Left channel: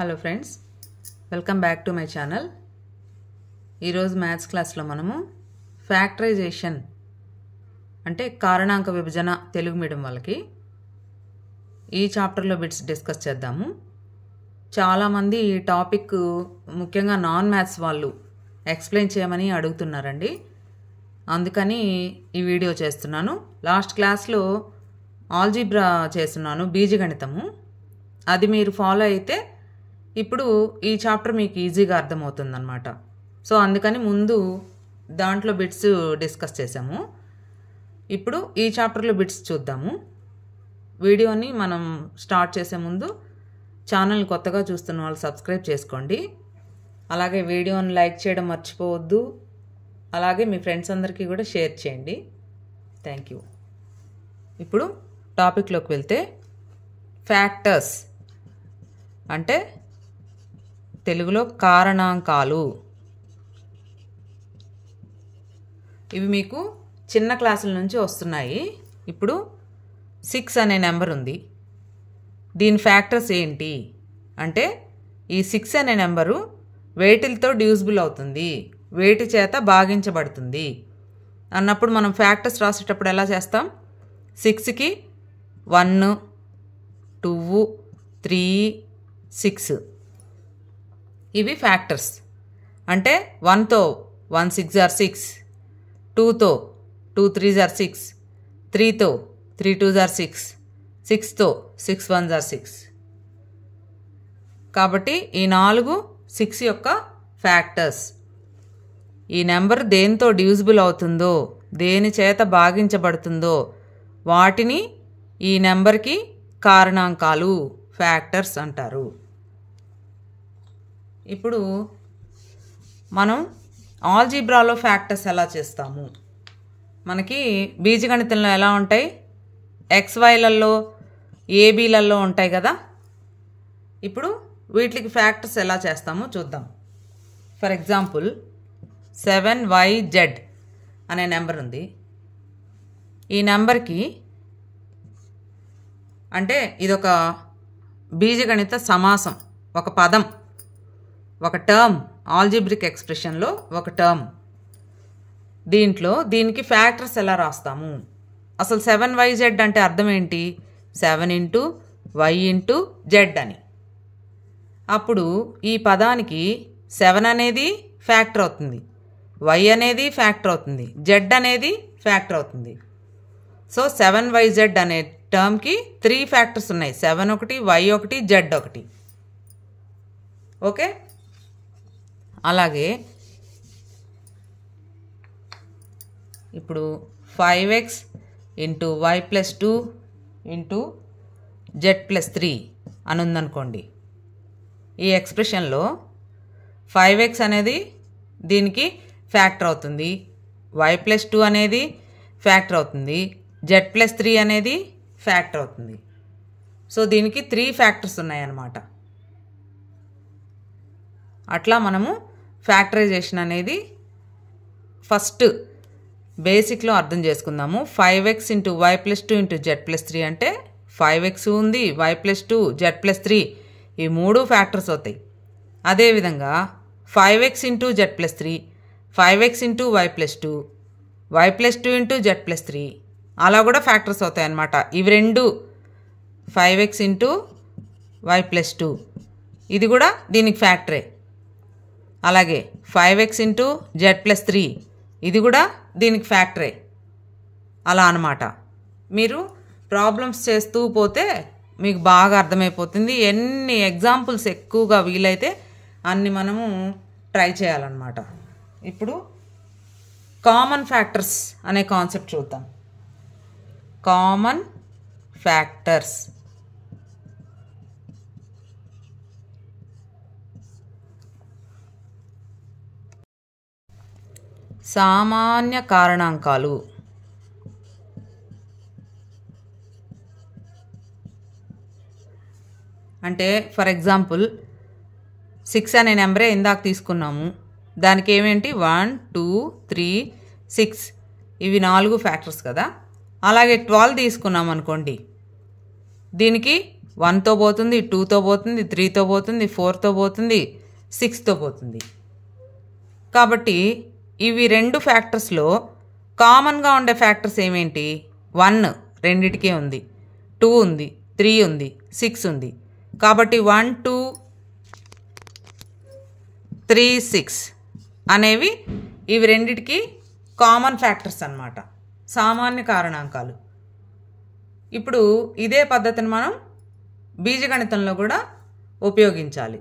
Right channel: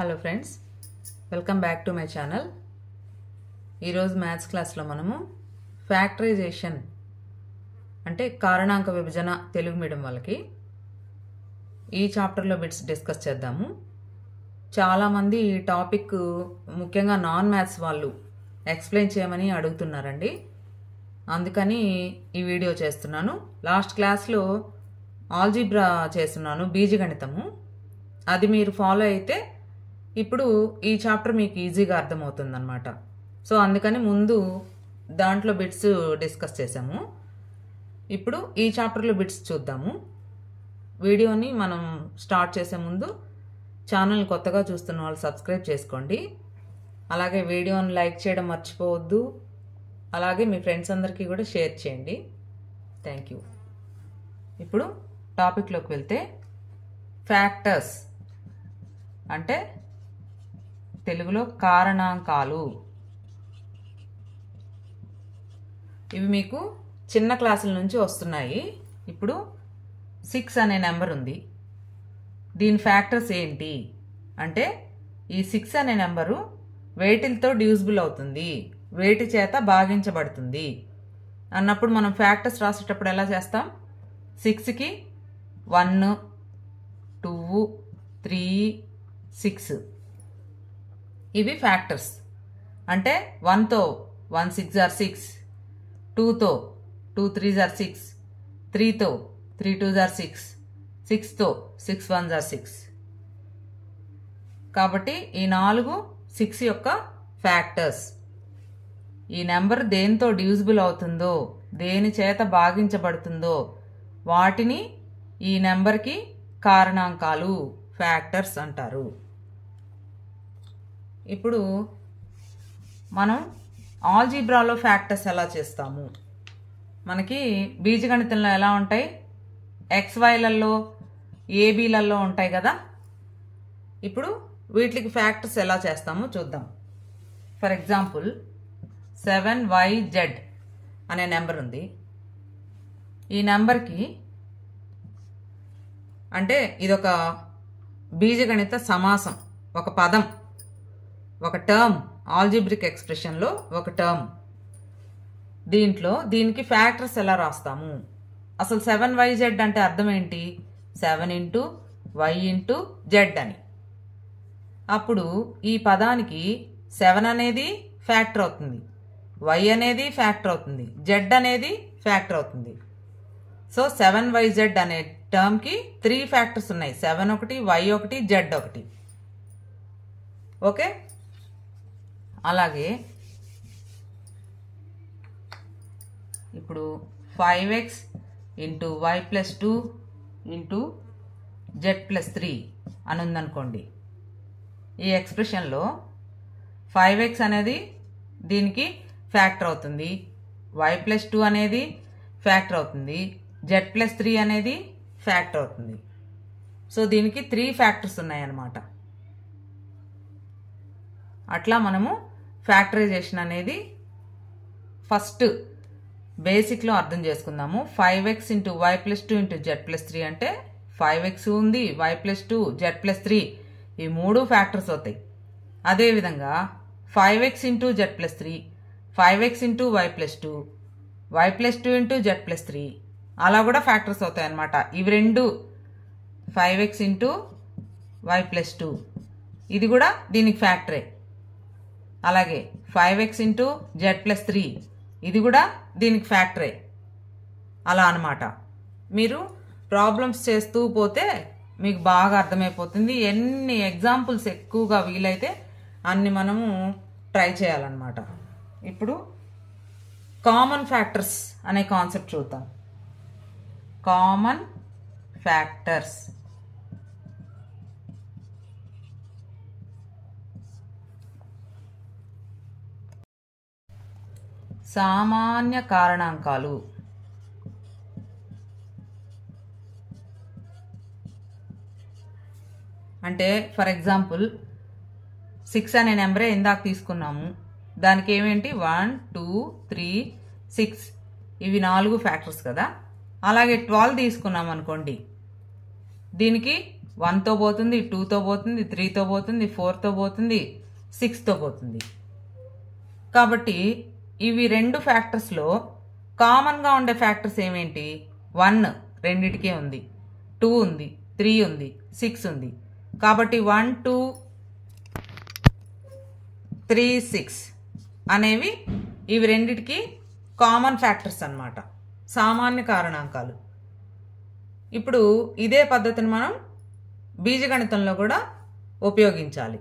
Hello friends, welcome back to my channel. ఈరోజు maths క్లాస్లో మనము ఫ్యాక్టరైజేషన్ అంటే కారణాంక విభజన తెలుగు మీడియం వాళ్ళకి ఈ చాప్టర్లో బిట్స్ డిస్కస్ చేద్దాము. చాలామంది ఈ టాపిక్ ముఖ్యంగా నాన్ మ్యాథ్స్ వాళ్ళు ఎక్స్ప్లెయిన్ చేయమని అడుగుతున్నారండి. అందుకని ఈ వీడియో చేస్తున్నాను. లాస్ట్ క్లాస్లో ఆల్జీబ్రా చేస్తున్నాను, బీజగణితము. అది మీరు ఫాలో అయితే ఇప్పుడు ఈ చాప్టర్ మీకు ఈజీగా అర్థమవుతుందన్నమాట. సో అందుకని ముందు దాంట్లో బిట్స్ డిస్కస్ చేసాము. ఇప్పుడు ఈ చాప్టర్లో బిట్స్ చూద్దాము. వీడియోని మనం స్టార్ట్ చేసే ముందు ఛానల్ కొత్తగా చూస్తున్న వాళ్ళు సబ్స్క్రైబ్ చేసుకోండి. అలాగే వీడియోని లైక్ చేయడం మర్చిపోవద్దు. అలాగే మీ ఫ్రెండ్స్ అందరికీ కూడా షేర్ చేయండి. Thank you. ఇప్పుడు టాపిక్లోకి వెళ్తే ఫ్యాక్టర్స్ అంటే తెలుగులో కారణాంకాలు. ఇవి మీకు చిన్న క్లాసుల నుంచి వస్తున్నాయి. ఇప్పుడు 6 అనే నెంబర్ ఉంది. దీని ఫ్యాక్టర్స్ ఏంటి అంటే ఈ 6 అనే నెంబరు వేటిలతో డివిజిబుల్ అవుతుంది, వేటి చేత భాగించబడుతుంది అన్నప్పుడు మనం ఫ్యాక్టర్స్ రాసేటప్పుడు ఎలా చేస్తాం? 6కి 1, 2, 3, 6 ఇవి ఫ్యాక్టర్స్. అంటే 1తో 1 6 ఆర్ 6, 2తో 2 3 ఆర్ 6, 3తో 3 2 ఆర్ 6, 6తో 6 1 ఆర్ 6. కాబట్టి ఈ 4 6 యొక్క ఫ్యాక్టర్స్. ఈ నెంబర్ దేనితో డివిజిబుల్ అవుతుందో, దేని చేత భాగించబడుతుందో వాటిని ఈ నెంబర్కి కారణాంకాలు, ఫ్యాక్టర్స్ అంటారు. ఇప్పుడు మనం ఆల్జీబ్రాలో ఫ్యాక్టర్స్ ఎలా చేస్తాము? మనకి బీజగణితంలో ఎలా ఉంటాయి? XYలలో ఏబీలలో ఉంటాయి కదా. ఇప్పుడు వీటికి ఫ్యాక్టర్స్ ఎలా చేస్తామో చూద్దాం. ఫర్ ఎగ్జాంపుల్ 7YZ అనే నెంబర్ ఉంది. ఈ నెంబర్కి అంటే ఇదొక బీజగణిత సమాసం, ఒక పదం, ఒక టర్మ్, ఆల్జీబ్రిక్ ఎక్స్ప్రెషన్లో ఒక టర్మ్. దీనికి ఫ్యాక్టర్స్ ఎలా రాస్తాము? అసలు 7YZ అంటే అర్థం ఏంటి? 7 × Y × Z అని. అప్పుడు ఈ పదానికి 7 అనేది ఫ్యాక్టర్ అవుతుంది, Y అనేది ఫ్యాక్టర్ అవుతుంది, Z అనేది ఫ్యాక్టర్ అవుతుంది. సో 7YZ అనే టర్మ్కి 3 ఫ్యాక్టర్స్ ఉన్నాయి. 7 ఒకటి, Y ఒకటి, Z ఒకటి. ఓకే. అలాగే ఇప్పుడు 5x × Y + 2 × Z + 3 అని ఉందనుకోండి. ఈ ఎక్స్ప్రెషన్లో 5x అనేది దీనికి ఫ్యాక్టర్ అవుతుంది, Y + 2 అనేది ఫ్యాక్టర్ అవుతుంది, Z + 3 అనేది ఫ్యాక్టర్ అవుతుంది. సో దీనికి 3 ఫ్యాక్టర్స్ ఉన్నాయన్నమాట. అట్లా మనము ఫ్యాక్టరైజేషన్ అనేది ఫస్ట్ బేసిక్లో అర్థం చేసుకుందాము. 5x × Y + 2 × Z + 3 అంటే 5x ఉంది, Y + 2, Z + 3 ఈ 3 ఫ్యాక్టర్స్ అవుతాయి. అదేవిధంగా 5x × Z + 3, 5x × Y + 2, Y + 2 × Z + 3 అలా కూడా ఫ్యాక్టర్స్ అవుతాయి అన్నమాట. ఇవి రెండు 5x × Y + 2 ఇది కూడా దీనికి ఫ్యాక్టరే. అలాగే 5x × Z + 3 ఇది కూడా దీనికి ఫ్యాక్టరే. అలా అన్నమాట. మీరు ప్రాబ్లమ్స్ చేస్తూ పోతే మీకు బాగా అర్థమైపోతుంది. ఎన్ని ఎగ్జాంపుల్స్ ఎక్కువగా వీలైతే అన్ని మనము ట్రై చేయాలన్నమాట. ఇప్పుడు కామన్ ఫ్యాక్టర్స్ అనే కాన్సెప్ట్ చూద్దాం. కామన్ ఫ్యాక్టర్స్ సామాన్య కారణాంకాలు. అంటే ఫర్ ఎగ్జాంపుల్ 6 అనే నెంబరే ఇందాక తీసుకున్నాము. దానికి ఏమేంటి? 1 2 3 6 ఇవి 4 ఫ్యాక్టర్స్ కదా. అలాగే 12 తీసుకున్నాం అనుకోండి. దీనికి 1తో పోతుంది, 2తో పోతుంది, 3తో పోతుంది, 4తో పోతుంది, 6తో పోతుంది. కాబట్టి ఇవి రెండు ఫ్యాక్టర్స్లో కామన్గా ఉండే ఫ్యాక్టర్స్ ఏమేంటి? 1 రెండిటికే ఉంది, 2 ఉంది, 3 ఉంది, 6 ఉంది. కాబట్టి 1, 2, 3, 6 అనేవి ఇవి రెండిటికి కామన్ ఫ్యాక్టర్స్ అన్నమాట, సామాన్య కారణాంకాలు. ఇప్పుడు ఇదే పద్ధతిని మనం బీజగణితంలో కూడా ఉపయోగించాలి.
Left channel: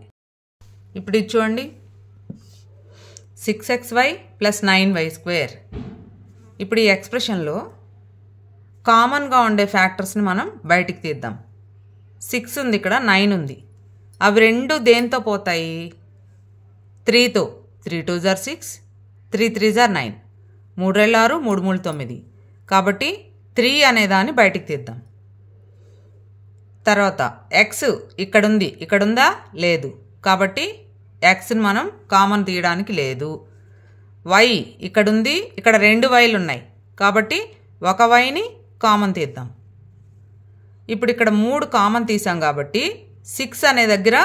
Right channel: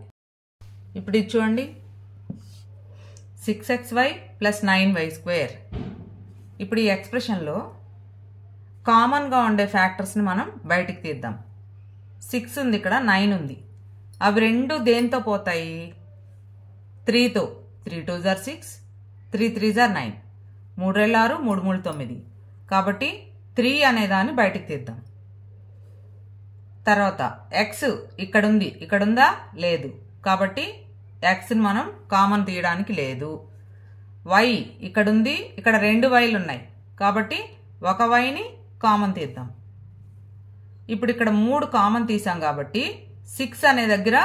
ఇప్పుడు ఇది చూడండి, 6xy + 9y². ఇప్పుడు ఈ ఎక్స్ప్రెషన్లో కామన్గా ఉండే ఫ్యాక్టర్స్ని మనం బయటికి తీద్దాం. 6 ఉంది, ఇక్కడ 9 ఉంది. అవి రెండు దేంతో పోతాయి? 3తో. 3 2s are 6, 3 3s are 9, 3 2 6, 3 3 9. కాబట్టి 3 అనే దాన్ని బయటికి తీద్దాం. తర్వాత x ఇక్కడుంది, ఇక్కడుందా? లేదు. కాబట్టి xని మనం కామన్ తీయడానికి లేదు. y ఇక్కడుంది, ఇక్కడ 2 yలు ఉన్నాయి. కాబట్టి ఒక yని కామన్ తీద్దాం. ఇప్పుడు ఇక్కడ 3 కామన్ తీసాం కాబట్టి 6 అనే దగ్గర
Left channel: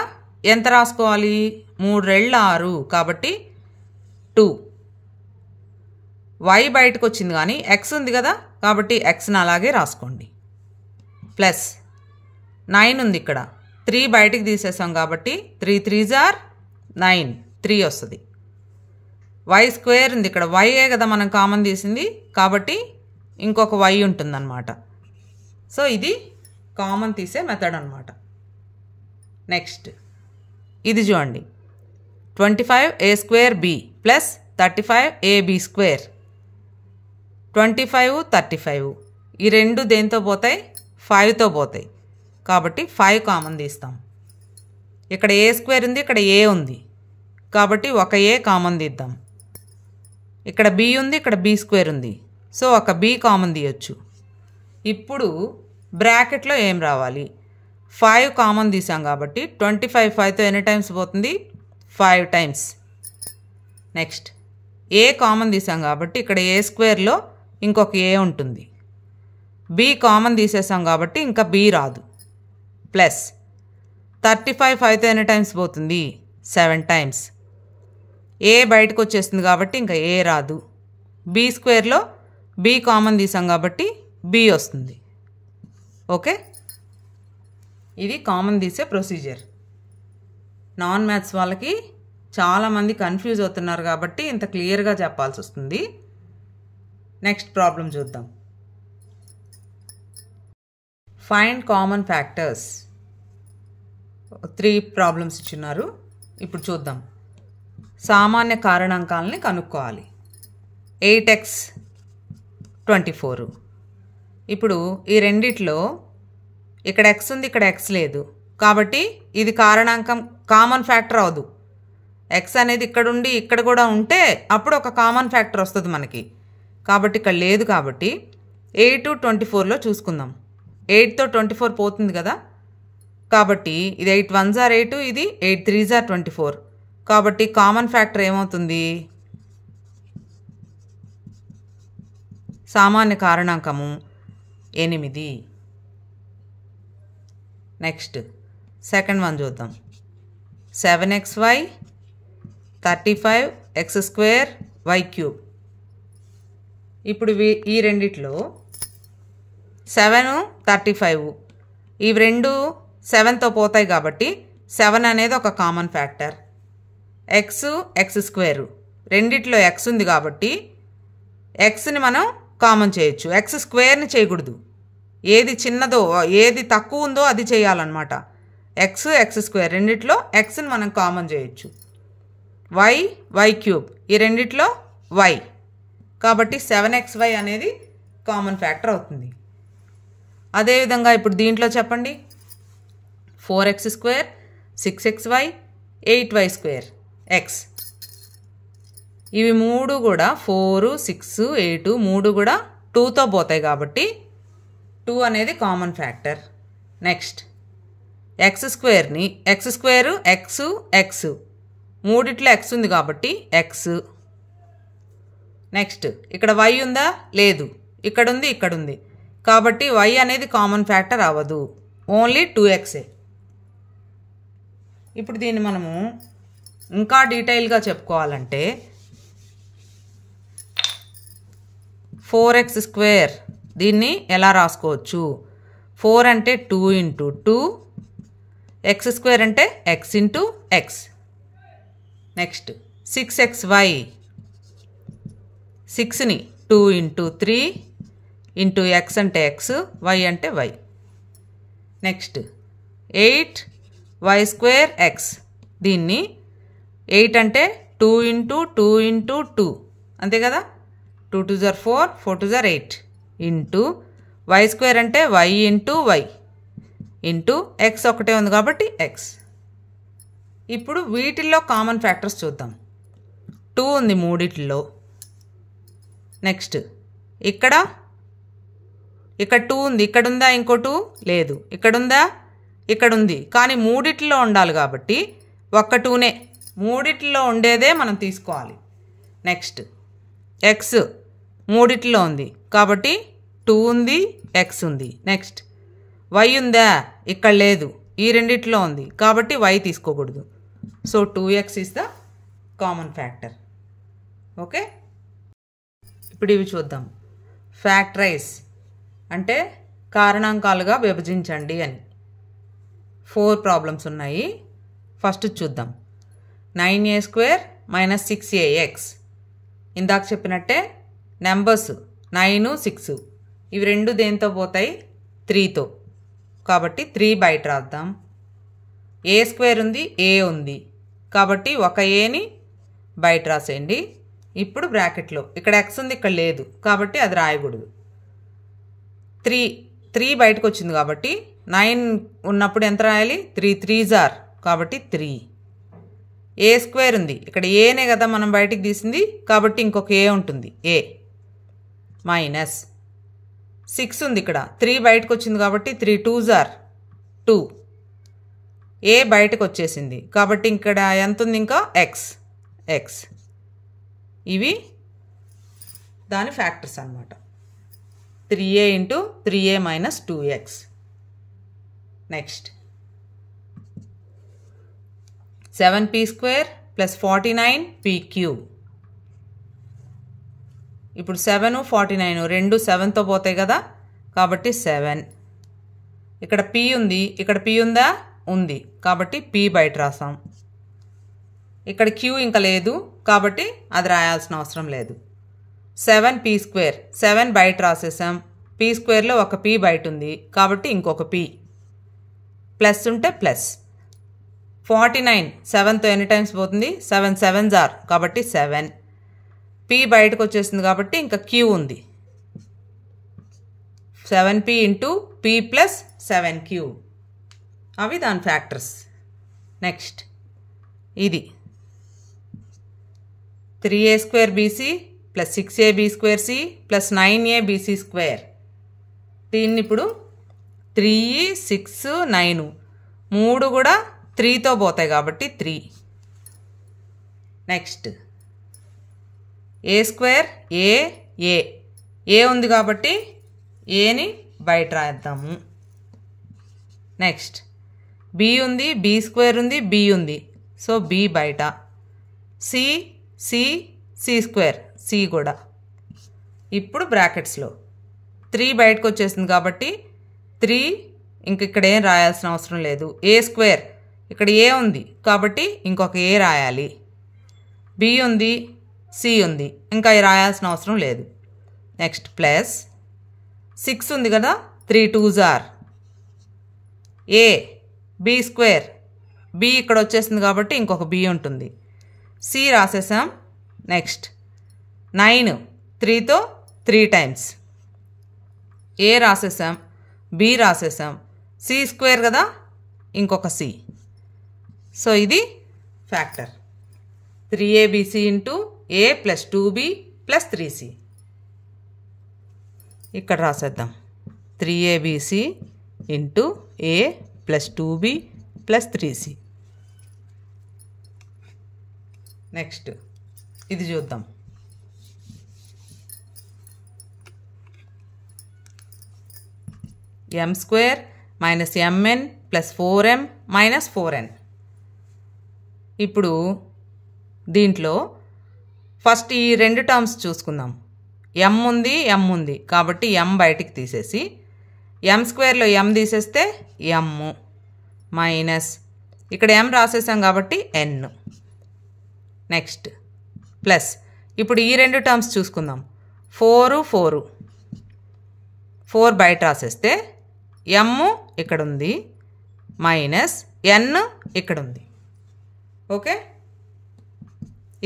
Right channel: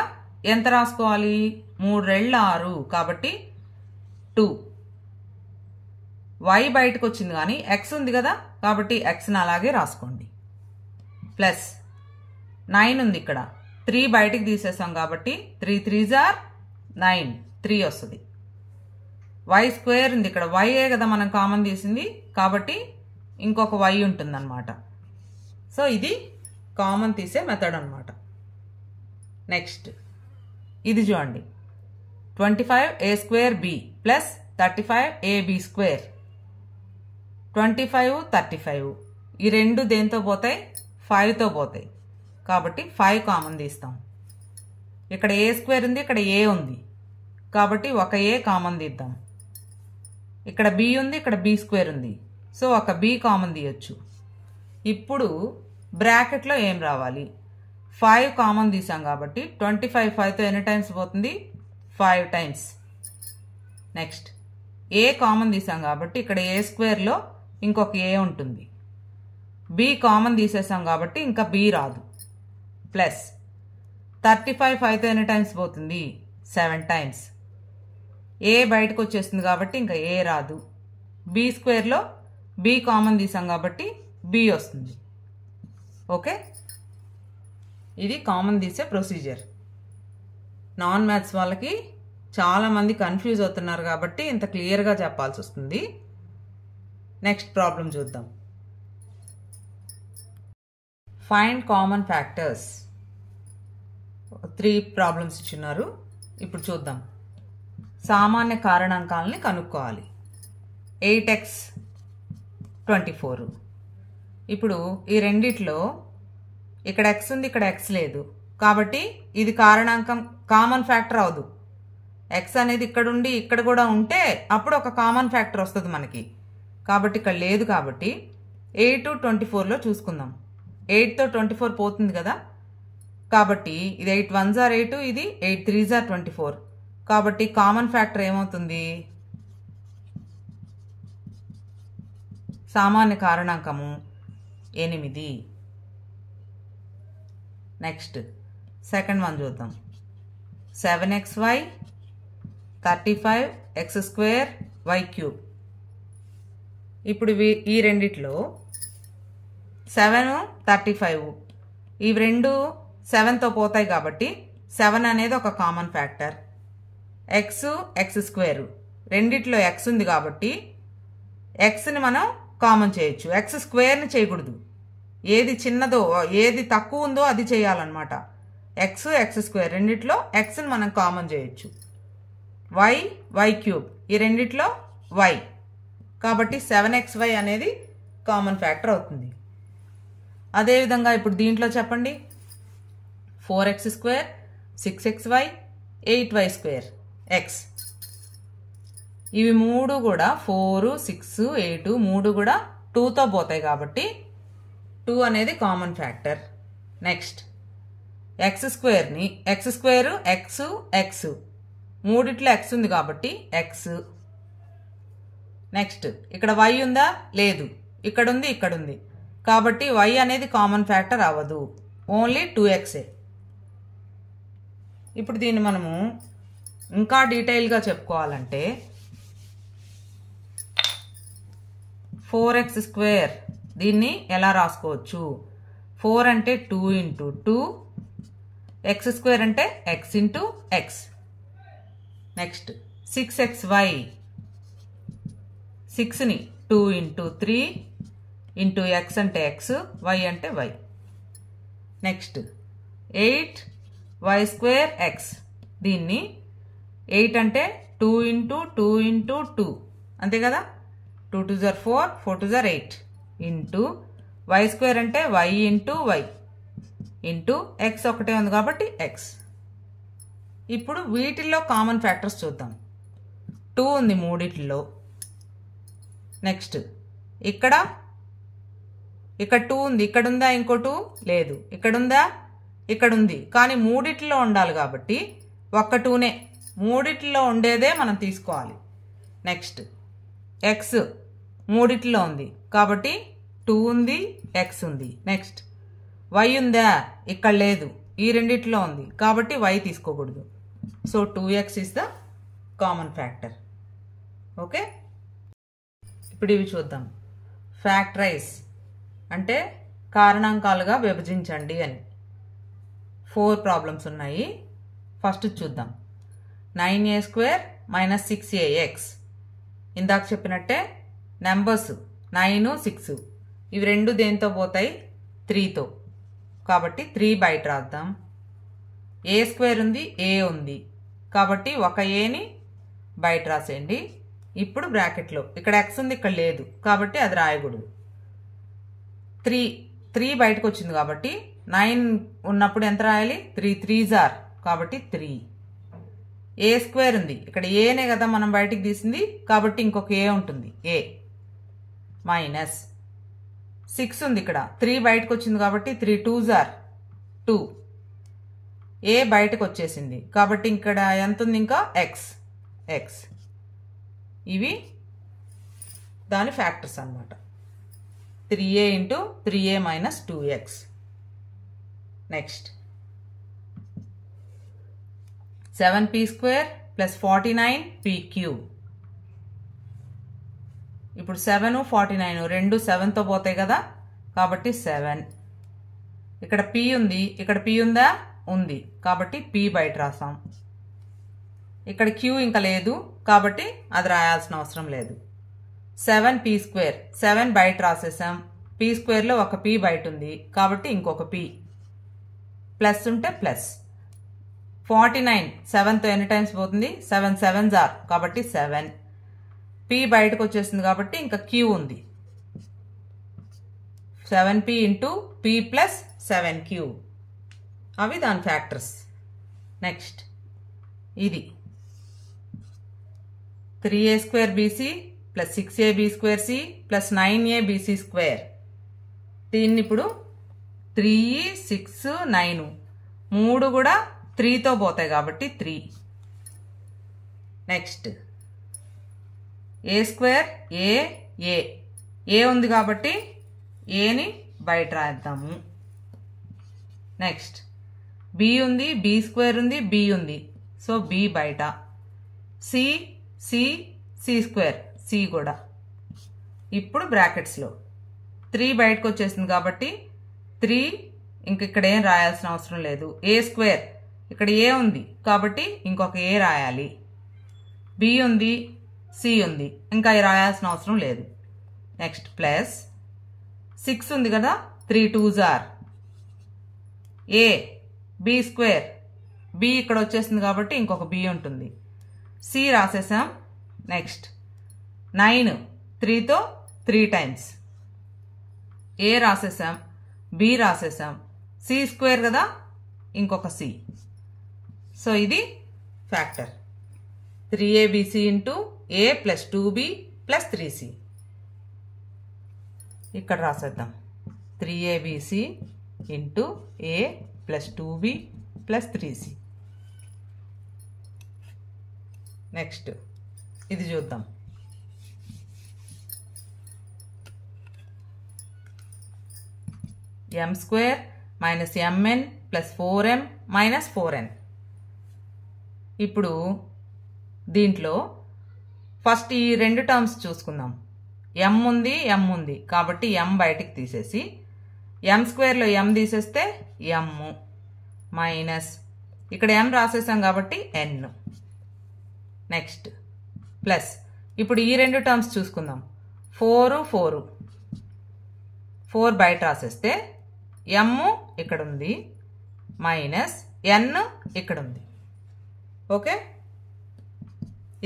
ఎంత రాసుకోవాలి? 3 2 6, కాబట్టి 2. y బయటకు వచ్చింది కానీ x ఉంది కదా, కాబట్టి xని అలాగే రాసుకోండి. ప్లస్ 9 ఉంది, ఇక్కడ 3 బయటికి తీసేసాం కాబట్టి 3 3s are 9, 3 వస్తుంది. y² ఉంది, ఇక్కడ y కదా మనం కామన్ తీసింది, కాబట్టి ఇంకొక y ఉంటుందన్నమాట. సో ఇది కామన్ తీసే మెథడ్ అన్నమాట. నెక్స్ట్ ఇది చూడండి, 25a² b + 35ab². 25 35 ఈ రెండు దేంతో పోతాయి? 5తో పోతాయి. కాబట్టి 5 కామన్ తీస్తాం. ఇక్కడ a² ఉంది, ఇక్కడ a ఉంది, కాబట్టి ఒక a కామన్ తీద్దాం. ఇక్కడ b ఉంది, ఇక్కడ b² ఉంది, సో ఒక b కామన్ తీయొచ్చు. ఇప్పుడు బ్రాకెట్లో ఏం రావాలి? 5 కామన్ తీసాం కాబట్టి 25 5తో ఎన్ని టైమ్స్ పోతుంది? 5 టైమ్స్. నెక్స్ట్ a కామన్ తీసాం కాబట్టి ఇక్కడ a²లో ఇంకొక a ఉంటుంది. b కామన్ తీసేసాం కాబట్టి ఇంకా b రాదు. ప్లస్ 35 5తో ఎన్ని టైమ్స్ పోతుంది? 7 టైమ్స్. a బయటకు వచ్చేస్తుంది కాబట్టి ఇంకా a రాదు. b²లో b కామన్ తీసాం కాబట్టి b వస్తుంది. ఓకే, ఇది కామన్ తీసే ప్రొసీజర్. నాన్ మ్యాథ్స్ వాళ్ళకి చాలామంది కన్ఫ్యూజ్ అవుతున్నారు కాబట్టి ఇంత క్లియర్గా చెప్పాల్సి వస్తుంది. నెక్స్ట్ ప్రాబ్లం చూద్దాం. Find common factors. 3 ప్రాబ్లమ్స్ ఇచ్చున్నారు. ఇప్పుడు చూద్దాం. సామాన్య కారణాంకాలని కనుక్కోవాలి. 8x 24. ఇప్పుడు ఈ రెండిట్లో ఇక్కడ x ఉంది, ఇక్కడ x లేదు, కాబట్టి ఇది కారణాంకం కామన్ ఫ్యాక్టర్ అవదు. x అనేది ఇక్కడ ఉండి ఇక్కడ కూడా ఉంటే అప్పుడు ఒక కామన్ ఫ్యాక్టర్ వస్తుంది మనకి. కాబట్టి ఇక్కడ లేదు, కాబట్టి 8 24లో చూసుకుందాం. 8తో 24 పోతుంది కదా, కాబట్టి ఇది 8 1s are 8, ఇది 8 3s are 24. కాబట్టి కామన్ ఫ్యాక్టర్ ఏమవుతుంది? సామాన్య కారణాంకము 8. నెక్స్ట్ సెకండ్ వన్ చూద్దాం. 7xy 35x² y³. ఇప్పుడు ఈ రెండిట్లో 7 35 ఇవి రెండు 7తో పోతాయి కాబట్టి 7 అనేది ఒక కామన్ ఫ్యాక్టర్. x² రెండిట్లో x ఉంది కాబట్టి xని మనం కామన్ చేయొచ్చు. x²ని చేయకూడదు. ఏది చిన్నదో ఏది తక్కువ ఉందో అది చేయాలన్నమాట. x² రెండిట్లో xని మనం కామన్ చేయొచ్చు. y³ ఈ రెండిట్లో y, కాబట్టి 7xy అనేది కామన్ ఫ్యాక్టర్ అవుతుంది. అదేవిధంగా ఇప్పుడు దీంట్లో చెప్పండి. 4x² 6xy 8y² x. ఇవి మూడు కూడా 4 6 8 మూడు కూడా 2తో పోతాయి కాబట్టి 2 అనేది కామన్ ఫ్యాక్టర్. నెక్స్ట్ x²ని x² x మూడిట్లో x ఉంది కాబట్టి x. నెక్స్ట్ ఇక్కడ y ఉందా? లేదు. ఇక్కడ ఉంది, ఇక్కడ ఉంది, కాబట్టి y అనేది కామన్ ఫ్యాక్టర్ అవ్వదు. ఓన్లీ 2xే. ఇప్పుడు దీన్ని మనము ఇంకా డీటెయిల్గా చెప్పుకోవాలంటే 4x² దీన్ని ఎలా రాసుకోవచ్చు? 4 అంటే 2 × 2, x² అంటే x × x. Next 6xy, 6ని 2 × 3 into x అంటే x, y అంటే y. నెక్స్ట్ 8y²x దీన్ని 8 అంటే 2 × 2 × 2 అంతే కదా, 2 2 4 4 2 8 ఇంటూ y² అంటే y × y ఇంటూ x ఒకటే ఉంది కాబట్టి x. ఇప్పుడు వీటిల్లో కామన్ ఫ్యాక్టర్స్ చూద్దాం. 2 ఉంది మూడిట్లో. నెక్స్ట్ ఇక్కడ 2 ఉంది, ఇక్కడ ఉందా ఇంకో 2? లేదు. ఇక్కడ ఉందా? ఇక్కడ ఉంది. కానీ మూడిట్లో ఉండాలి కాబట్టి ఒక్క 2నే, మూడిట్లో ఉండేదే మనం తీసుకోవాలి. నెక్స్ట్ x మూడిట్లో ఉంది కాబట్టి 2 ఉంది, x ఉంది. నెక్స్ట్ y ఉందా? ఇక్కడ లేదు, ఈ రెండిట్లో ఉంది కాబట్టి y తీసుకోకూడదు. So 2x is the common factor. Okay, ఇప్పుడు ఇవి చూద్దాం. ఫ్యాక్టరైజ్ అంటే కారణాంకాలుగా విభజించండి అని. 4 ప్రాబ్లమ్స్ ఉన్నాయి. ఫస్ట్ చూద్దాం. 9a² - 6ax. ఇందాక చెప్పినట్టే నెంబర్స్ 9 6 ఇవి రెండు దేంతో పోతాయి? 3తో. కాబట్టి 3 బయట రాద్దాం. a² ఉంది, a ఉంది కాబట్టి ఒక aని బయట రాసేయండి. ఇప్పుడు బ్రాకెట్లో ఇక్కడ x ఉంది, ఇక్కడ లేదు కాబట్టి అది రాయకూడదు. 3 బయటకు వచ్చింది కాబట్టి 9 ఉన్నప్పుడు ఎంత రాయాలి? 3 3s are కాబట్టి 3. a² ఉంది, ఇక్కడ ఏనే కదా మనం బయటికి తీసింది కాబట్టి ఇంకొక ఏ ఉంటుంది, a మైనస్ 6 ఉంది, ఇక్కడ 3 బయటకు వచ్చింది కాబట్టి 3 2s are 2. ఏ బయటకు వచ్చేసింది కాబట్టి ఇక్కడ ఎంత ఉంది? ఇంకా x. ఇవి దాని ఫ్యాక్టర్స్ అన్నమాట. 3a × 3a - 2x. Next 7p² + 49p³ ఇప్పుడు 7 49 రెండు 7తో పోతాయి కదా కాబట్టి 7. ఇక్కడ p ఉంది, ఇక్కడ p ఉందా? ఉంది కాబట్టి p బయట రాసాం. ఇక్కడ q ఇంకా లేదు కాబట్టి అది రాయాల్సిన అవసరం లేదు. 7p², 7 బయట రాసేసాం. p²లో ఒక p బయట ఉంది కాబట్టి ఇంకొక p, ప్లస్ ఉంటే ప్లస్. 49 7తో ఎన్ని టైమ్స్ పోతుంది? 7 7s are కాబట్టి 7. p బయటకు వచ్చేసింది కాబట్టి ఇంకా q ఉంది. 7p × p + 7q అవి దాని ఫ్యాక్టర్స్. నెక్స్ట్ ఇది 3a²bc + 6ab²c + 9abc². దీన్ని ఇప్పుడు 3 6 9 మూడు కూడా 3తో పోతాయి కాబట్టి 3. నెక్స్ట్ a² ఏ ఉంది కాబట్టి ఏని బయట రాద్దాము. నెక్స్ట్ b ఉంది, b² ఉంది, b ఉంది సో b బయట. c² c కూడా. ఇప్పుడు బ్రాకెట్స్లో 3 బయటకు వచ్చేసింది కాబట్టి 3 ఇంక ఇక్కడ ఏం రాయాల్సిన అవసరం లేదు. a² ఇక్కడ ఏ ఉంది కాబట్టి ఇంకొక ఏ రాయాలి. b ఉంది, c ఉంది ఇంకా రాయాల్సిన అవసరం లేదు. నెక్స్ట్ ప్లస్ 6 ఉంది కదా, 3 2s are a b² b ఇక్కడ వచ్చేసింది కాబట్టి ఇంకొక b ఉంటుంది. c రాసేసాం. నెక్స్ట్ 9 3తో 3 టైమ్స్. a రాసేసాం, b రాసేసాం, c² కదా ఇంకొక c. సో ఇది factor 3abc × a + 2b + 3c. ఇక్కడ రాసేద్దాం 3abc × a + 2b + 3c. Next ఇది చూద్దాం. m² minus MN plus 4m minus 4n. ఇప్పుడు దీంట్లో ఫస్ట్ ఈ రెండు టర్మ్స్ చూసుకుందాం. m ఉంది కాబట్టి m బయటికి తీసేసి m స్క్వేర్లో m తీసేస్తే m మైనస్ ఇక్కడ m రాసేసాం కాబట్టి n. నెక్స్ట్ ప్లస్ ఇప్పుడు ఈ రెండు టర్మ్స్ చూసుకుందాం. 4 బయట రాసేస్తే m ఇక్కడ ఉంది మైనస్ n ఇక్కడ ఉంది. ఓకే,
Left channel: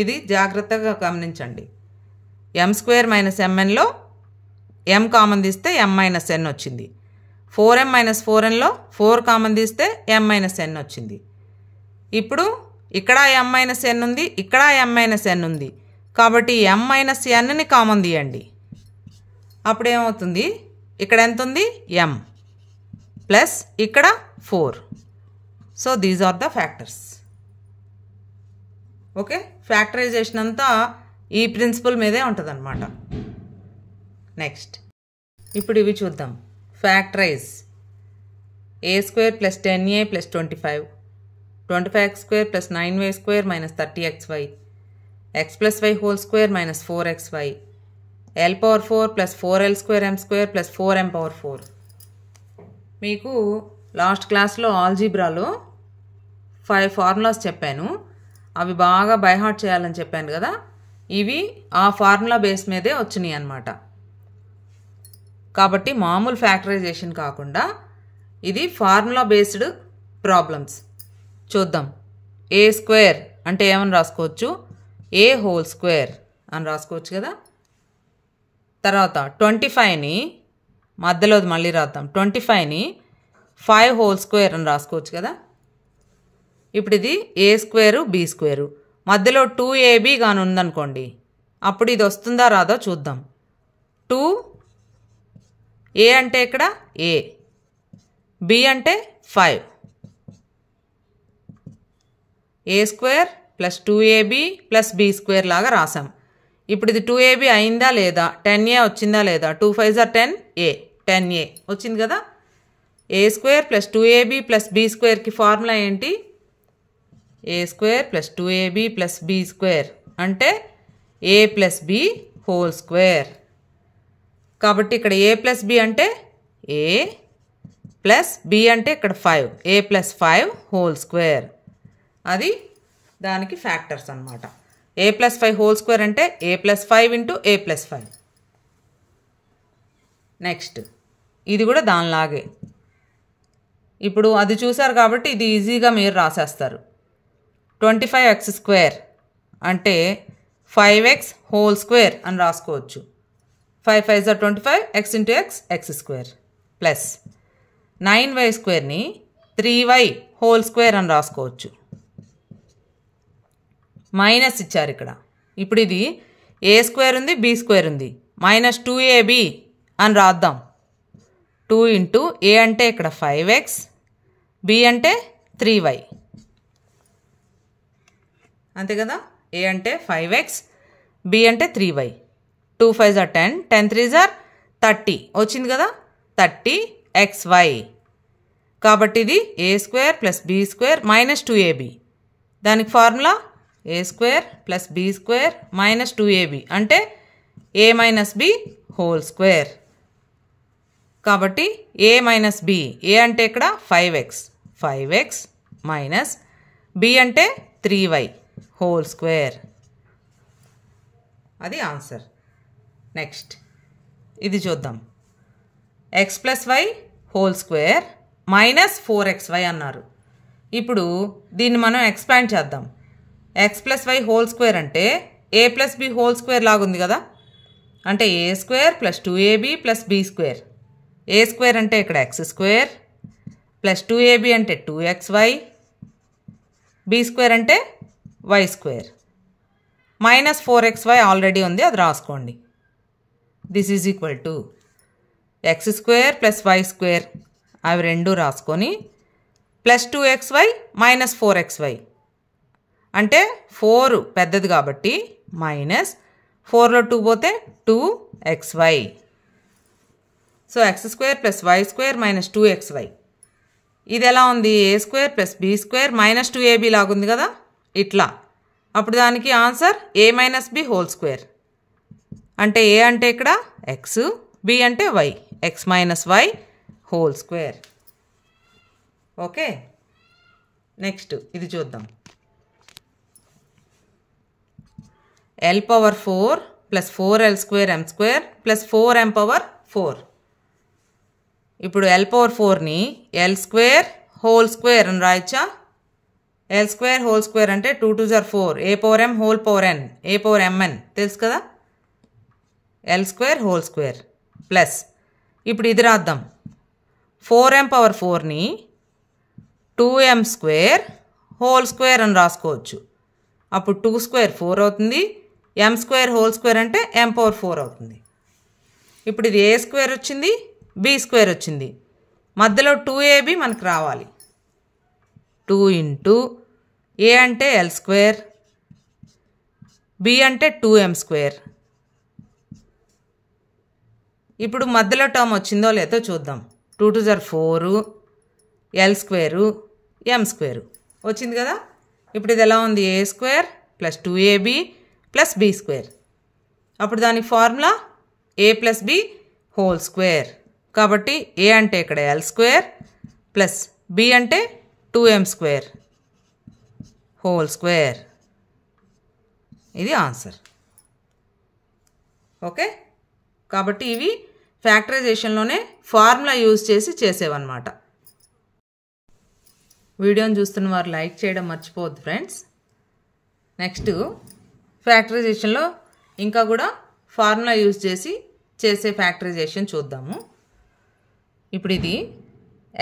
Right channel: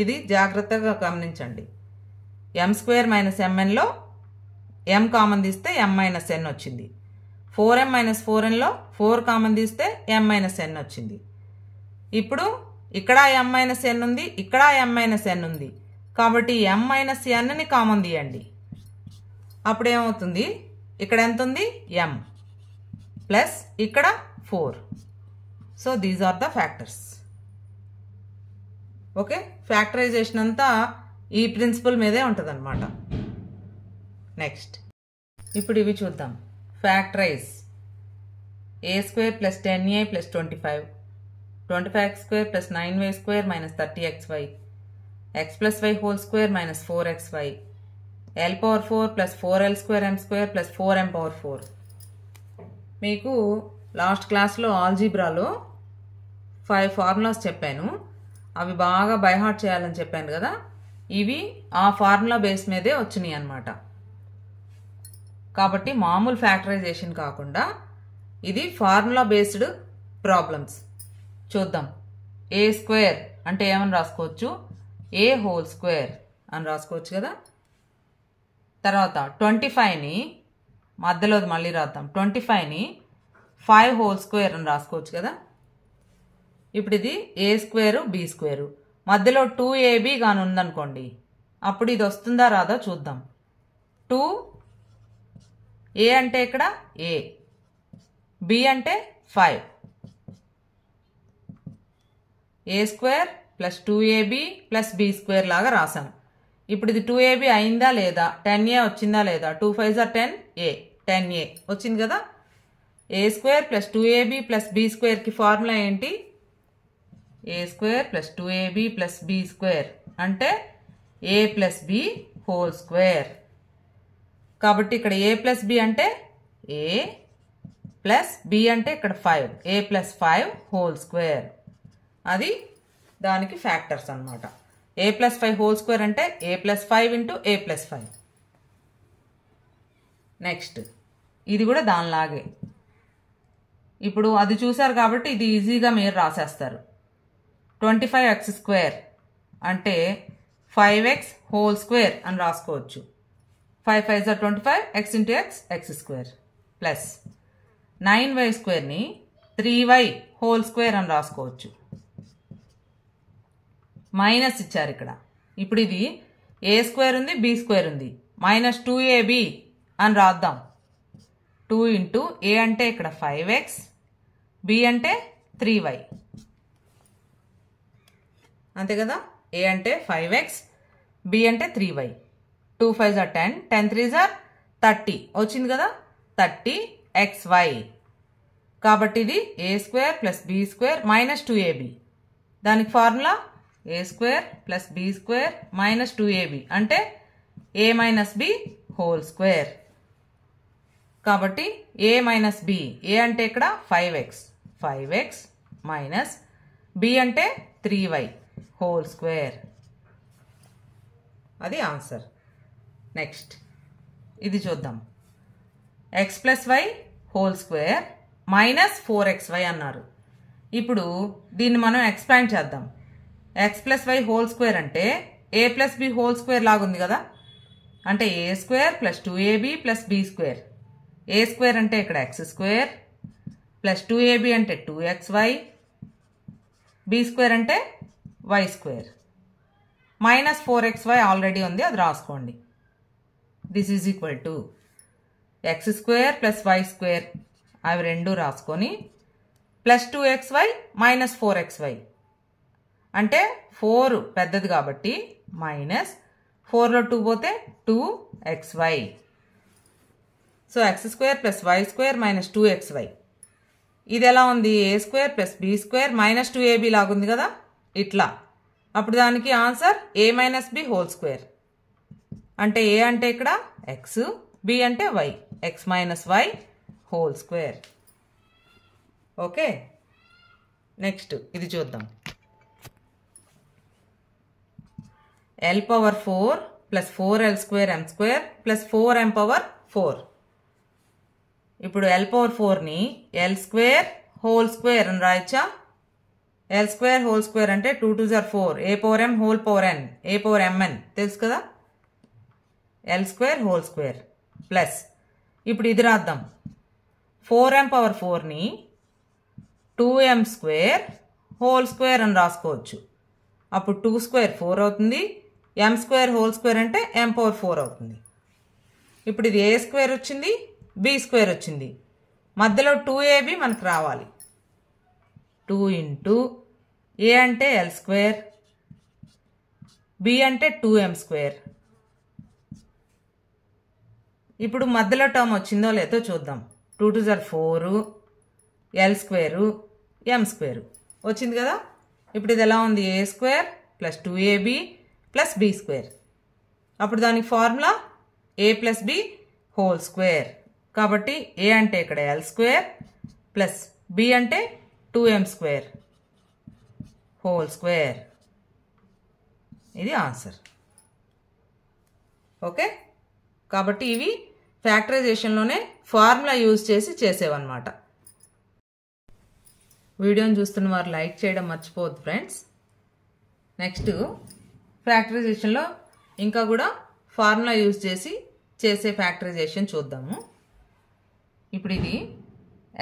ఇది జాగ్రత్తగా గమనించండి. m స్క్వేర్ మైనస్ mnలో m కామన్ తీస్తే m మైనస్ n వచ్చింది. 4m మైనస్ 4nలో 4 కామన్ తీస్తే m మైనస్ n వచ్చింది. ఇప్పుడు ఇక్కడ m మైనస్ n ఉంది, ఇక్కడ m మైనస్ n ఉంది కాబట్టి m మైనస్ nని కామన్ తీయండి. అప్పుడు ఏమవుతుంది, ఇక్కడ ఎంత ఉంది m ప్లస్ ఇక్కడ 4. So these are the factors. Okay, factorisation అంతా ఈ ప్రిన్సిపల్ మీదే ఉంటుంది అన్నమాట. నెక్స్ట్ ఇప్పుడు ఇవి చూద్దాం. Factorise a square plus 10a plus 25, 25x square plus 9y square minus 30xy, x plus y whole square minus 4xy, l power 4 plus 4l square m square plus 4m power 4. మీకు last క్లాస్లో ఆల్జీబ్రాలో 5 formulas చెప్పాను. అవి బాగా by heart చేయాలని చెప్పాను కదా. ఇవి ఆ ఫార్ములా బేస్ మీదే వచ్చినాయి అన్నమాట. కాబట్టి మామూలు ఫ్యాక్టరైజేషన్ కాకుండా ఇది ఫార్ములా బేస్డ్ ప్రాబ్లమ్స్. చూద్దాం. ఏ స్క్వేర్ అంటే ఏమని రాసుకోవచ్చు, ఏ హోల్ స్క్వేర్ అని రాసుకోవచ్చు కదా. తర్వాత 25ని మధ్యలో మళ్ళీ రాద్దాం. 25ని 5 హోల్ స్క్వేర్ అని రాసుకోవచ్చు కదా. ఇప్పుడు ఇది ఏ స్క్వేరు బి స్క్వేరు, మధ్యలో 2ab గాని ఉందనుకోండి, అప్పుడు ఇది వస్తుందా రాదో చూద్దాం. 2a అంటే ఇక్కడ a, b అంటే 5, A square plus 2ab plus B square లాగా రాసాం. ఇప్పుడు ఇది 2ab అయిందా లేదా, 10a వచ్చిందా లేదా, 2 5s are 10a, 10a వచ్చింది కదా. A square plus 2ab plus B స్క్వేర్కి ఫార్ములా ఏంటి, A square plus 2ab plus B square అంటే ఏ ప్లస్ బి హోల్ స్క్వేర్. కాబట్టి ఇక్కడ ఏ ప్లస్ బి అంటే ఏ ప్లస్ బి అంటే ఇక్కడ 5, ఏ ప్లస్ 5 హోల్ స్క్వేర్. అది దానికి ఫ్యాక్టర్స్ అన్నమాట. ఏ ప్లస్ 5 హోల్ స్క్వేర్ అంటే ఏ ప్లస్ 5 ఇంటూ ఏ ప్లస్ 5. నెక్స్ట్ ఇది కూడా దానిలాగే. ఇప్పుడు అది చూసారు కాబట్టి ఇది ఈజీగా మీరు రాసేస్తారు. 25x స్క్వేర్ అంటే 5x హోల్ స్క్వేర్ అని రాసుకోవచ్చు. 5 5s are 25, x into x square plus 9y స్క్వేర్ని 3y whole square అని రాసుకోవచ్చు. మైనస్ ఇచ్చారు ఇక్కడ. ఇప్పుడు ఇది ఏ స్క్వేర్ ఉంది బి స్క్వేర్ ఉంది, మైనస్ 2ab అని రాద్దాం. 2 ఇంటూ ఏ అంటే ఇక్కడ 5x, బి అంటే 3y, అంతే కదా. ఏ అంటే 5x, బి అంటే 3y, 2 5s are 10, 10 3s are 30 వచ్చింది కదా, 30xy. కాబట్టి ఇది ఏ square plus B square minus 2ab. దానికి formula A square plus B square minus 2ab అంటే A minus B whole square. కాబట్టి ఏ మైనస్ బి, ఏ అంటే ఇక్కడ 5x మైనస్ బి అంటే 3y హోల్ స్క్వేర్. అది ఆన్సర్. నెక్స్ట్ ఇది చూద్దాం. X plus why whole square minus 4xy అన్నారు. ఇప్పుడు దీన్ని మనం ఎక్స్పాండ్ చేద్దాం. X plus why whole square అంటే ఏ ప్లస్ బి హోల్ స్క్వేర్ లాగుంది కదా. అంటే A square plus 2ab plus B square. A square అంటే ఇక్కడ ఎక్స్ స్క్వేర్ ప్లస్ 2ab అంటే 2xy, బి స్క్వేర్ అంటే Y square. Minus 4xy already ఉంది, అది రాసుకోండి. This is equal to X square plus why square, అవి రెండు రాసుకొని ప్లస్ 2xy మైనస్ 4xy అంటే 4 పెద్దది కాబట్టి మైనస్ 4లో 2 పోతే 2xy. So X square plus why square minus 2xy ఇది ఎలా ఉంది? ఏ square plus be square minus 2ab లాగుంది కదా, ఇట్లా. అప్పుడు దానికి answer a minus B whole square. అంటే ఏ అంటే ఇక్కడ ఎక్స్, బి అంటే వై, X minus why whole square. Okay, next ఇది చూద్దాం. l power 4 plus 4l square m square plus 4m power 4. ఇప్పుడు l పవర్ 4ని l స్క్వేర్ హోల్ స్క్వేర్ అని రాయచ్చా? l స్క్వేర్ హోల్ స్క్వేర్ అంటే 2 2 జర్ 4, a power m whole power n, a power mn తెలుసు కదా. l square whole square plus ఇప్పుడు ఇది రాద్దాం. 4m పవర్ 4ని 2m స్క్వేర్ హోల్ స్క్వేర్ అని రాసుకోవచ్చు. అప్పుడు 2 స్క్వేర్ 4 అవుతుంది, m స్క్వేర్ హోల్ స్క్వేర్ అంటే m పవర్ 4 అవుతుంది. ఇప్పుడు ఇది a స్క్వేర్ వచ్చింది, b స్క్వేర్ వచ్చింది, మధ్యలో 2ab మనకు రావాలి. 2 ఇంటూ a అంటే l స్క్వేర్, b అంటే 2m స్క్వేర్. ఇప్పుడు మధ్యలో టర్మ్ వచ్చిందో లేదో చూద్దాం. 2 2 జర్ 4, l స్క్వేరు, m స్క్వేరు వచ్చింది కదా. ఇప్పుడు ఇది ఎలా ఉంది? a square plus 2ab plus b square. అప్పుడు దానికి formula a plus b whole square. కాబట్టి a అంటే ఇక్కడ l స్క్వేర్ ప్లస్ b అంటే 2m స్క్వేర్ హోల్ స్క్వేర్. ఇది ఆన్సర్. ఓకే, కాబట్టి ఇవి ఫ్యాక్టరైజేషన్లోనే ఫార్ములా యూజ్ చేసి చేసేవన్నమాట. వీడియోని చూస్తున్న వారు లైక్ చేయడం మర్చిపోవద్దు ఫ్రెండ్స్. నెక్స్ట్ ఫ్యాక్టరైజేషన్లో ఇంకా కూడా ఫార్ములా యూజ్ చేసి చేసే ఫ్యాక్టరైజేషన్ చూద్దాము. ఇప్పుడు ఇది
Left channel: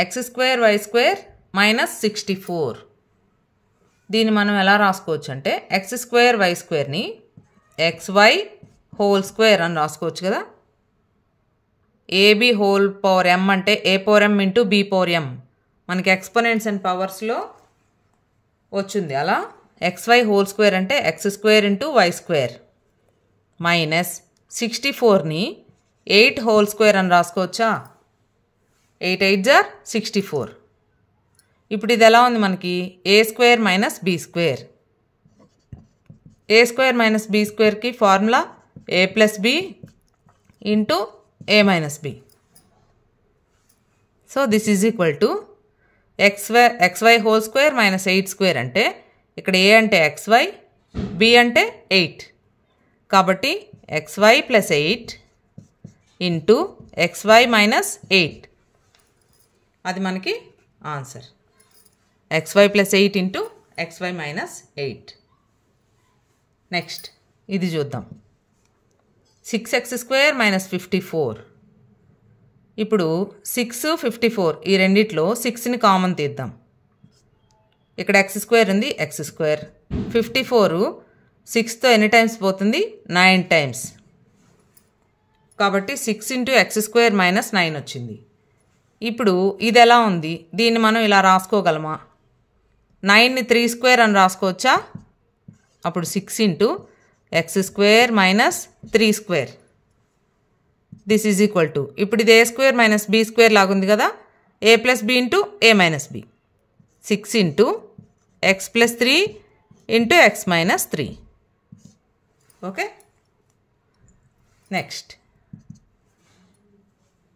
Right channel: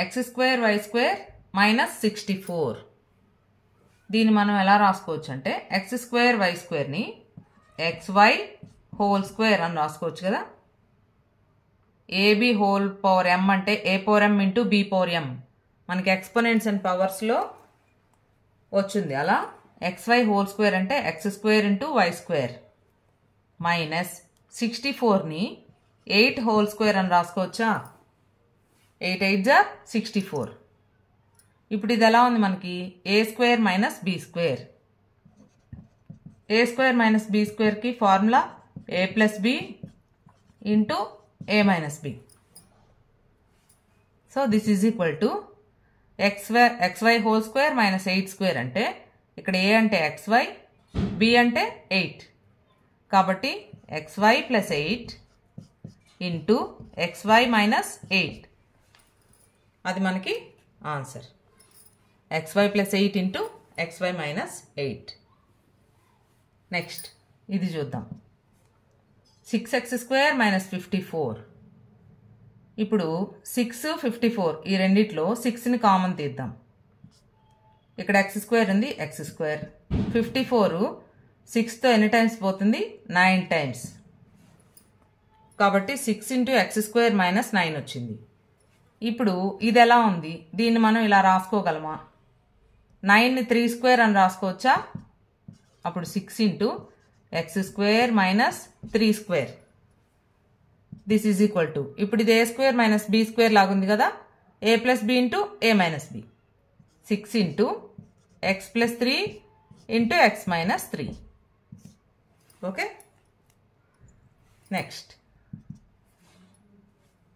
x square y square minus 64. దీన్ని మనం ఎలా రాసుకోవచ్చు అంటే ఎక్స్ స్క్వేర్ వై స్క్వేర్ని xy హోల్ స్క్వేర్ అని రాసుకోవచ్చు కదా. ఏబి హోల్ పవర్ m అంటే a power m into b power m మనకి ఎక్స్పోనెంట్స్ అండ్ పవర్స్లో వచ్చింది. అలా xy హోల్ స్క్వేర్ అంటే x square into y square minus 64ని 8 హోల్ స్క్వేర్ అని రాసుకోవచ్చా? 8 8 జర్ 64. ఇప్పుడు ఇది ఎలా ఉంది మనకి? A square minus b square. A square minus b స్క్వేర్కి formula a plus b into a minus b. So this is equal to xy whole square minus 8 square అంటే ఇక్కడ ఏ అంటే xy, బి అంటే 8. కాబట్టి xy plus 8 into xy minus 8 అది మనకి answer. xy plus 8 into xy minus 8. Next ఇది చూద్దాం. 6x square minus 54. ఇప్పుడు 6 54 ఈ రెండిట్లో 6ని కామన్ తీద్దాం. ఇక్కడ x స్క్వేర్ ఉంది, x స్క్వేర్. 54 6తో ఎన్ని టైమ్స్ పోతుంది? 9 టైమ్స్. కాబట్టి 6 ఇంటూ ఎక్స్ స్క్వేర్ మైనస్ 9 వచ్చింది. ఇప్పుడు ఇది ఎలా ఉంది? దీన్ని మనం ఇలా రాసుకోగలమా? 9ని 3 స్క్వేర్ అని రాసుకోవచ్చా? అప్పుడు 6 into x square minus 3 square this is equal to ఇప్పుడు ఇది ఏ స్క్వేర్ మైనస్ బీ స్క్వేర్ లాగుంది కదా. A plus b into a minus b. 6 into x plus 3 into x minus 3. Okay, next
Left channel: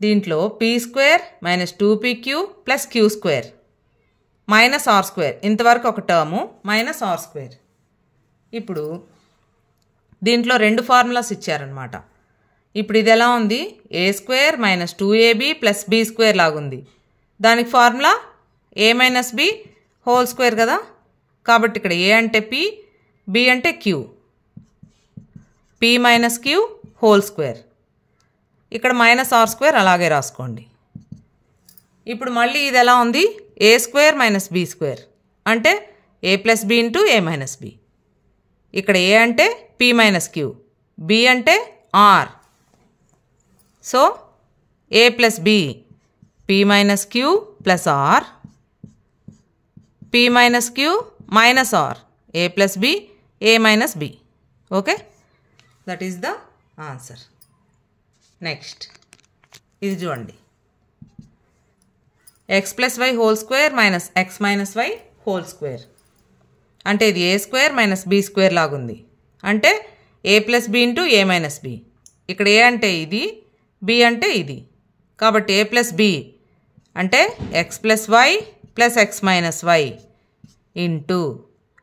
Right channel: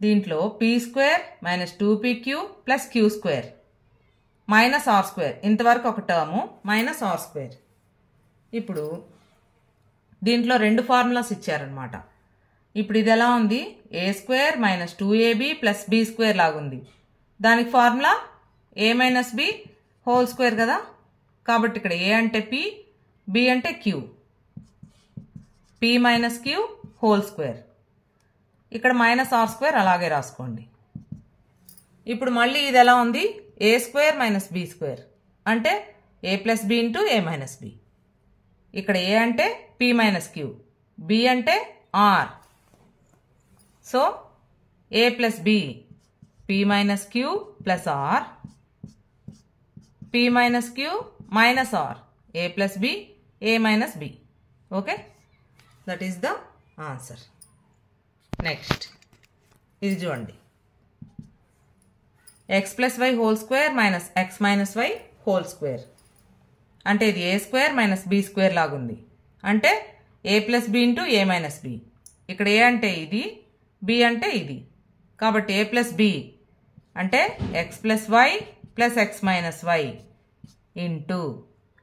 దీంట్లో p square minus 2pq plus q square minus r square. ఇంతవరకు ఒక term minus r square. ఇప్పుడు దీంట్లో రెండు formulas ఇచ్చారనమాట. ఇప్పుడు ఇది ఎలా ఉంది? ఏ square minus 2ab plus be square లాగుంది. దానికి formula a minus B whole square కదా. కాబట్టి ఇక్కడ ఏ అంటే పి, బి అంటే q. P minus q whole square. ఇక్కడ మైనస్ ఆర్ స్క్వేర్ అలాగే రాసుకోండి. ఇప్పుడు మళ్ళీ ఇది ఎలా ఉంది? ఏ స్క్వేర్ మైనస్ బీ స్క్వేర్ అంటే ఏ plus b into a minus b. ఇక్కడ ఏ అంటే పి మైనస్ క్యూ, బి అంటే r. So a plus B P minus q plus r, p minus q minus r, a plus b a minus b. Okay, that is the answer. Next ఇది చూడండి. X plus why whole square minus x minus why whole square. అంటే ఇది ఏ square minus b square లాగుంది. అంటే ఏ plus b into a minus b. ఇక్కడ a అంటే ఇది, b అంటే ఇది. కాబట్టి ఏ ప్లస్ బి అంటే x plus y plus x minus why into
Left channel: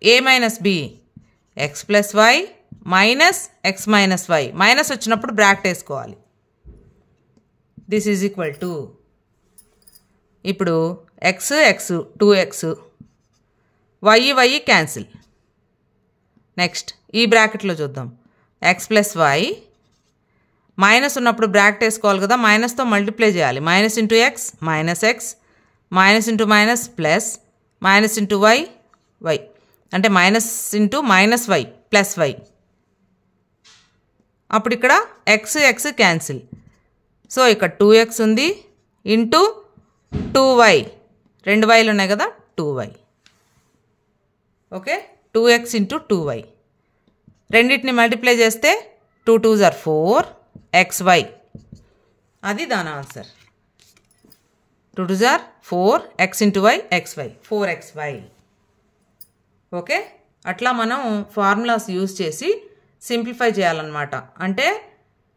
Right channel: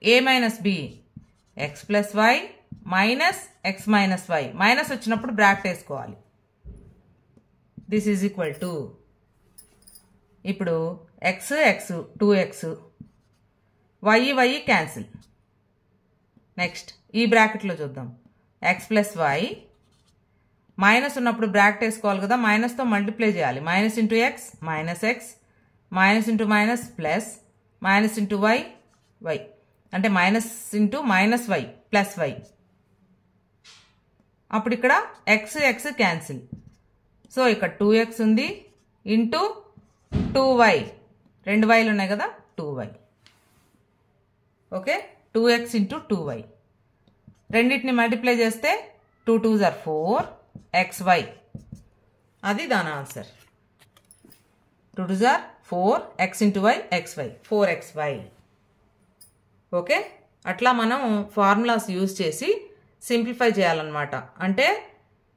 a minus b x plus y minus x minus y. Minus వచ్చినప్పుడు బ్రాకెట్ వేసుకోవాలి. This is equal to, ఇప్పుడు x x 2x, y cancel. Next ఈ బ్రాకెట్లో చూద్దాం. X plus y minus ఉన్నప్పుడు bracket వేసుకోవాలి కదా, మైనస్తో మల్టిప్లై చేయాలి. Minus into x minus x, minus into minus plus, minus into y y, అంటే minus into minus y plus y. అప్పుడు ఇక్కడ ఎక్స్ ఎక్స్ క్యాన్సిల్. సో ఇక్కడ 2x ఉంది ఇంటూ 2y, 2 వైలు ఉన్నాయి కదా, 2y. Okay, 2x into 2y. రెండింటిని multiply చేస్తే 2 2s are 4xy. అది దాని answer. 2 2s are 4, x into y xy, 4xy. Okay, అట్లా మనం ఫార్ములాస్ యూజ్ చేసి సింప్లిఫై చేయాలన్నమాట. అంటే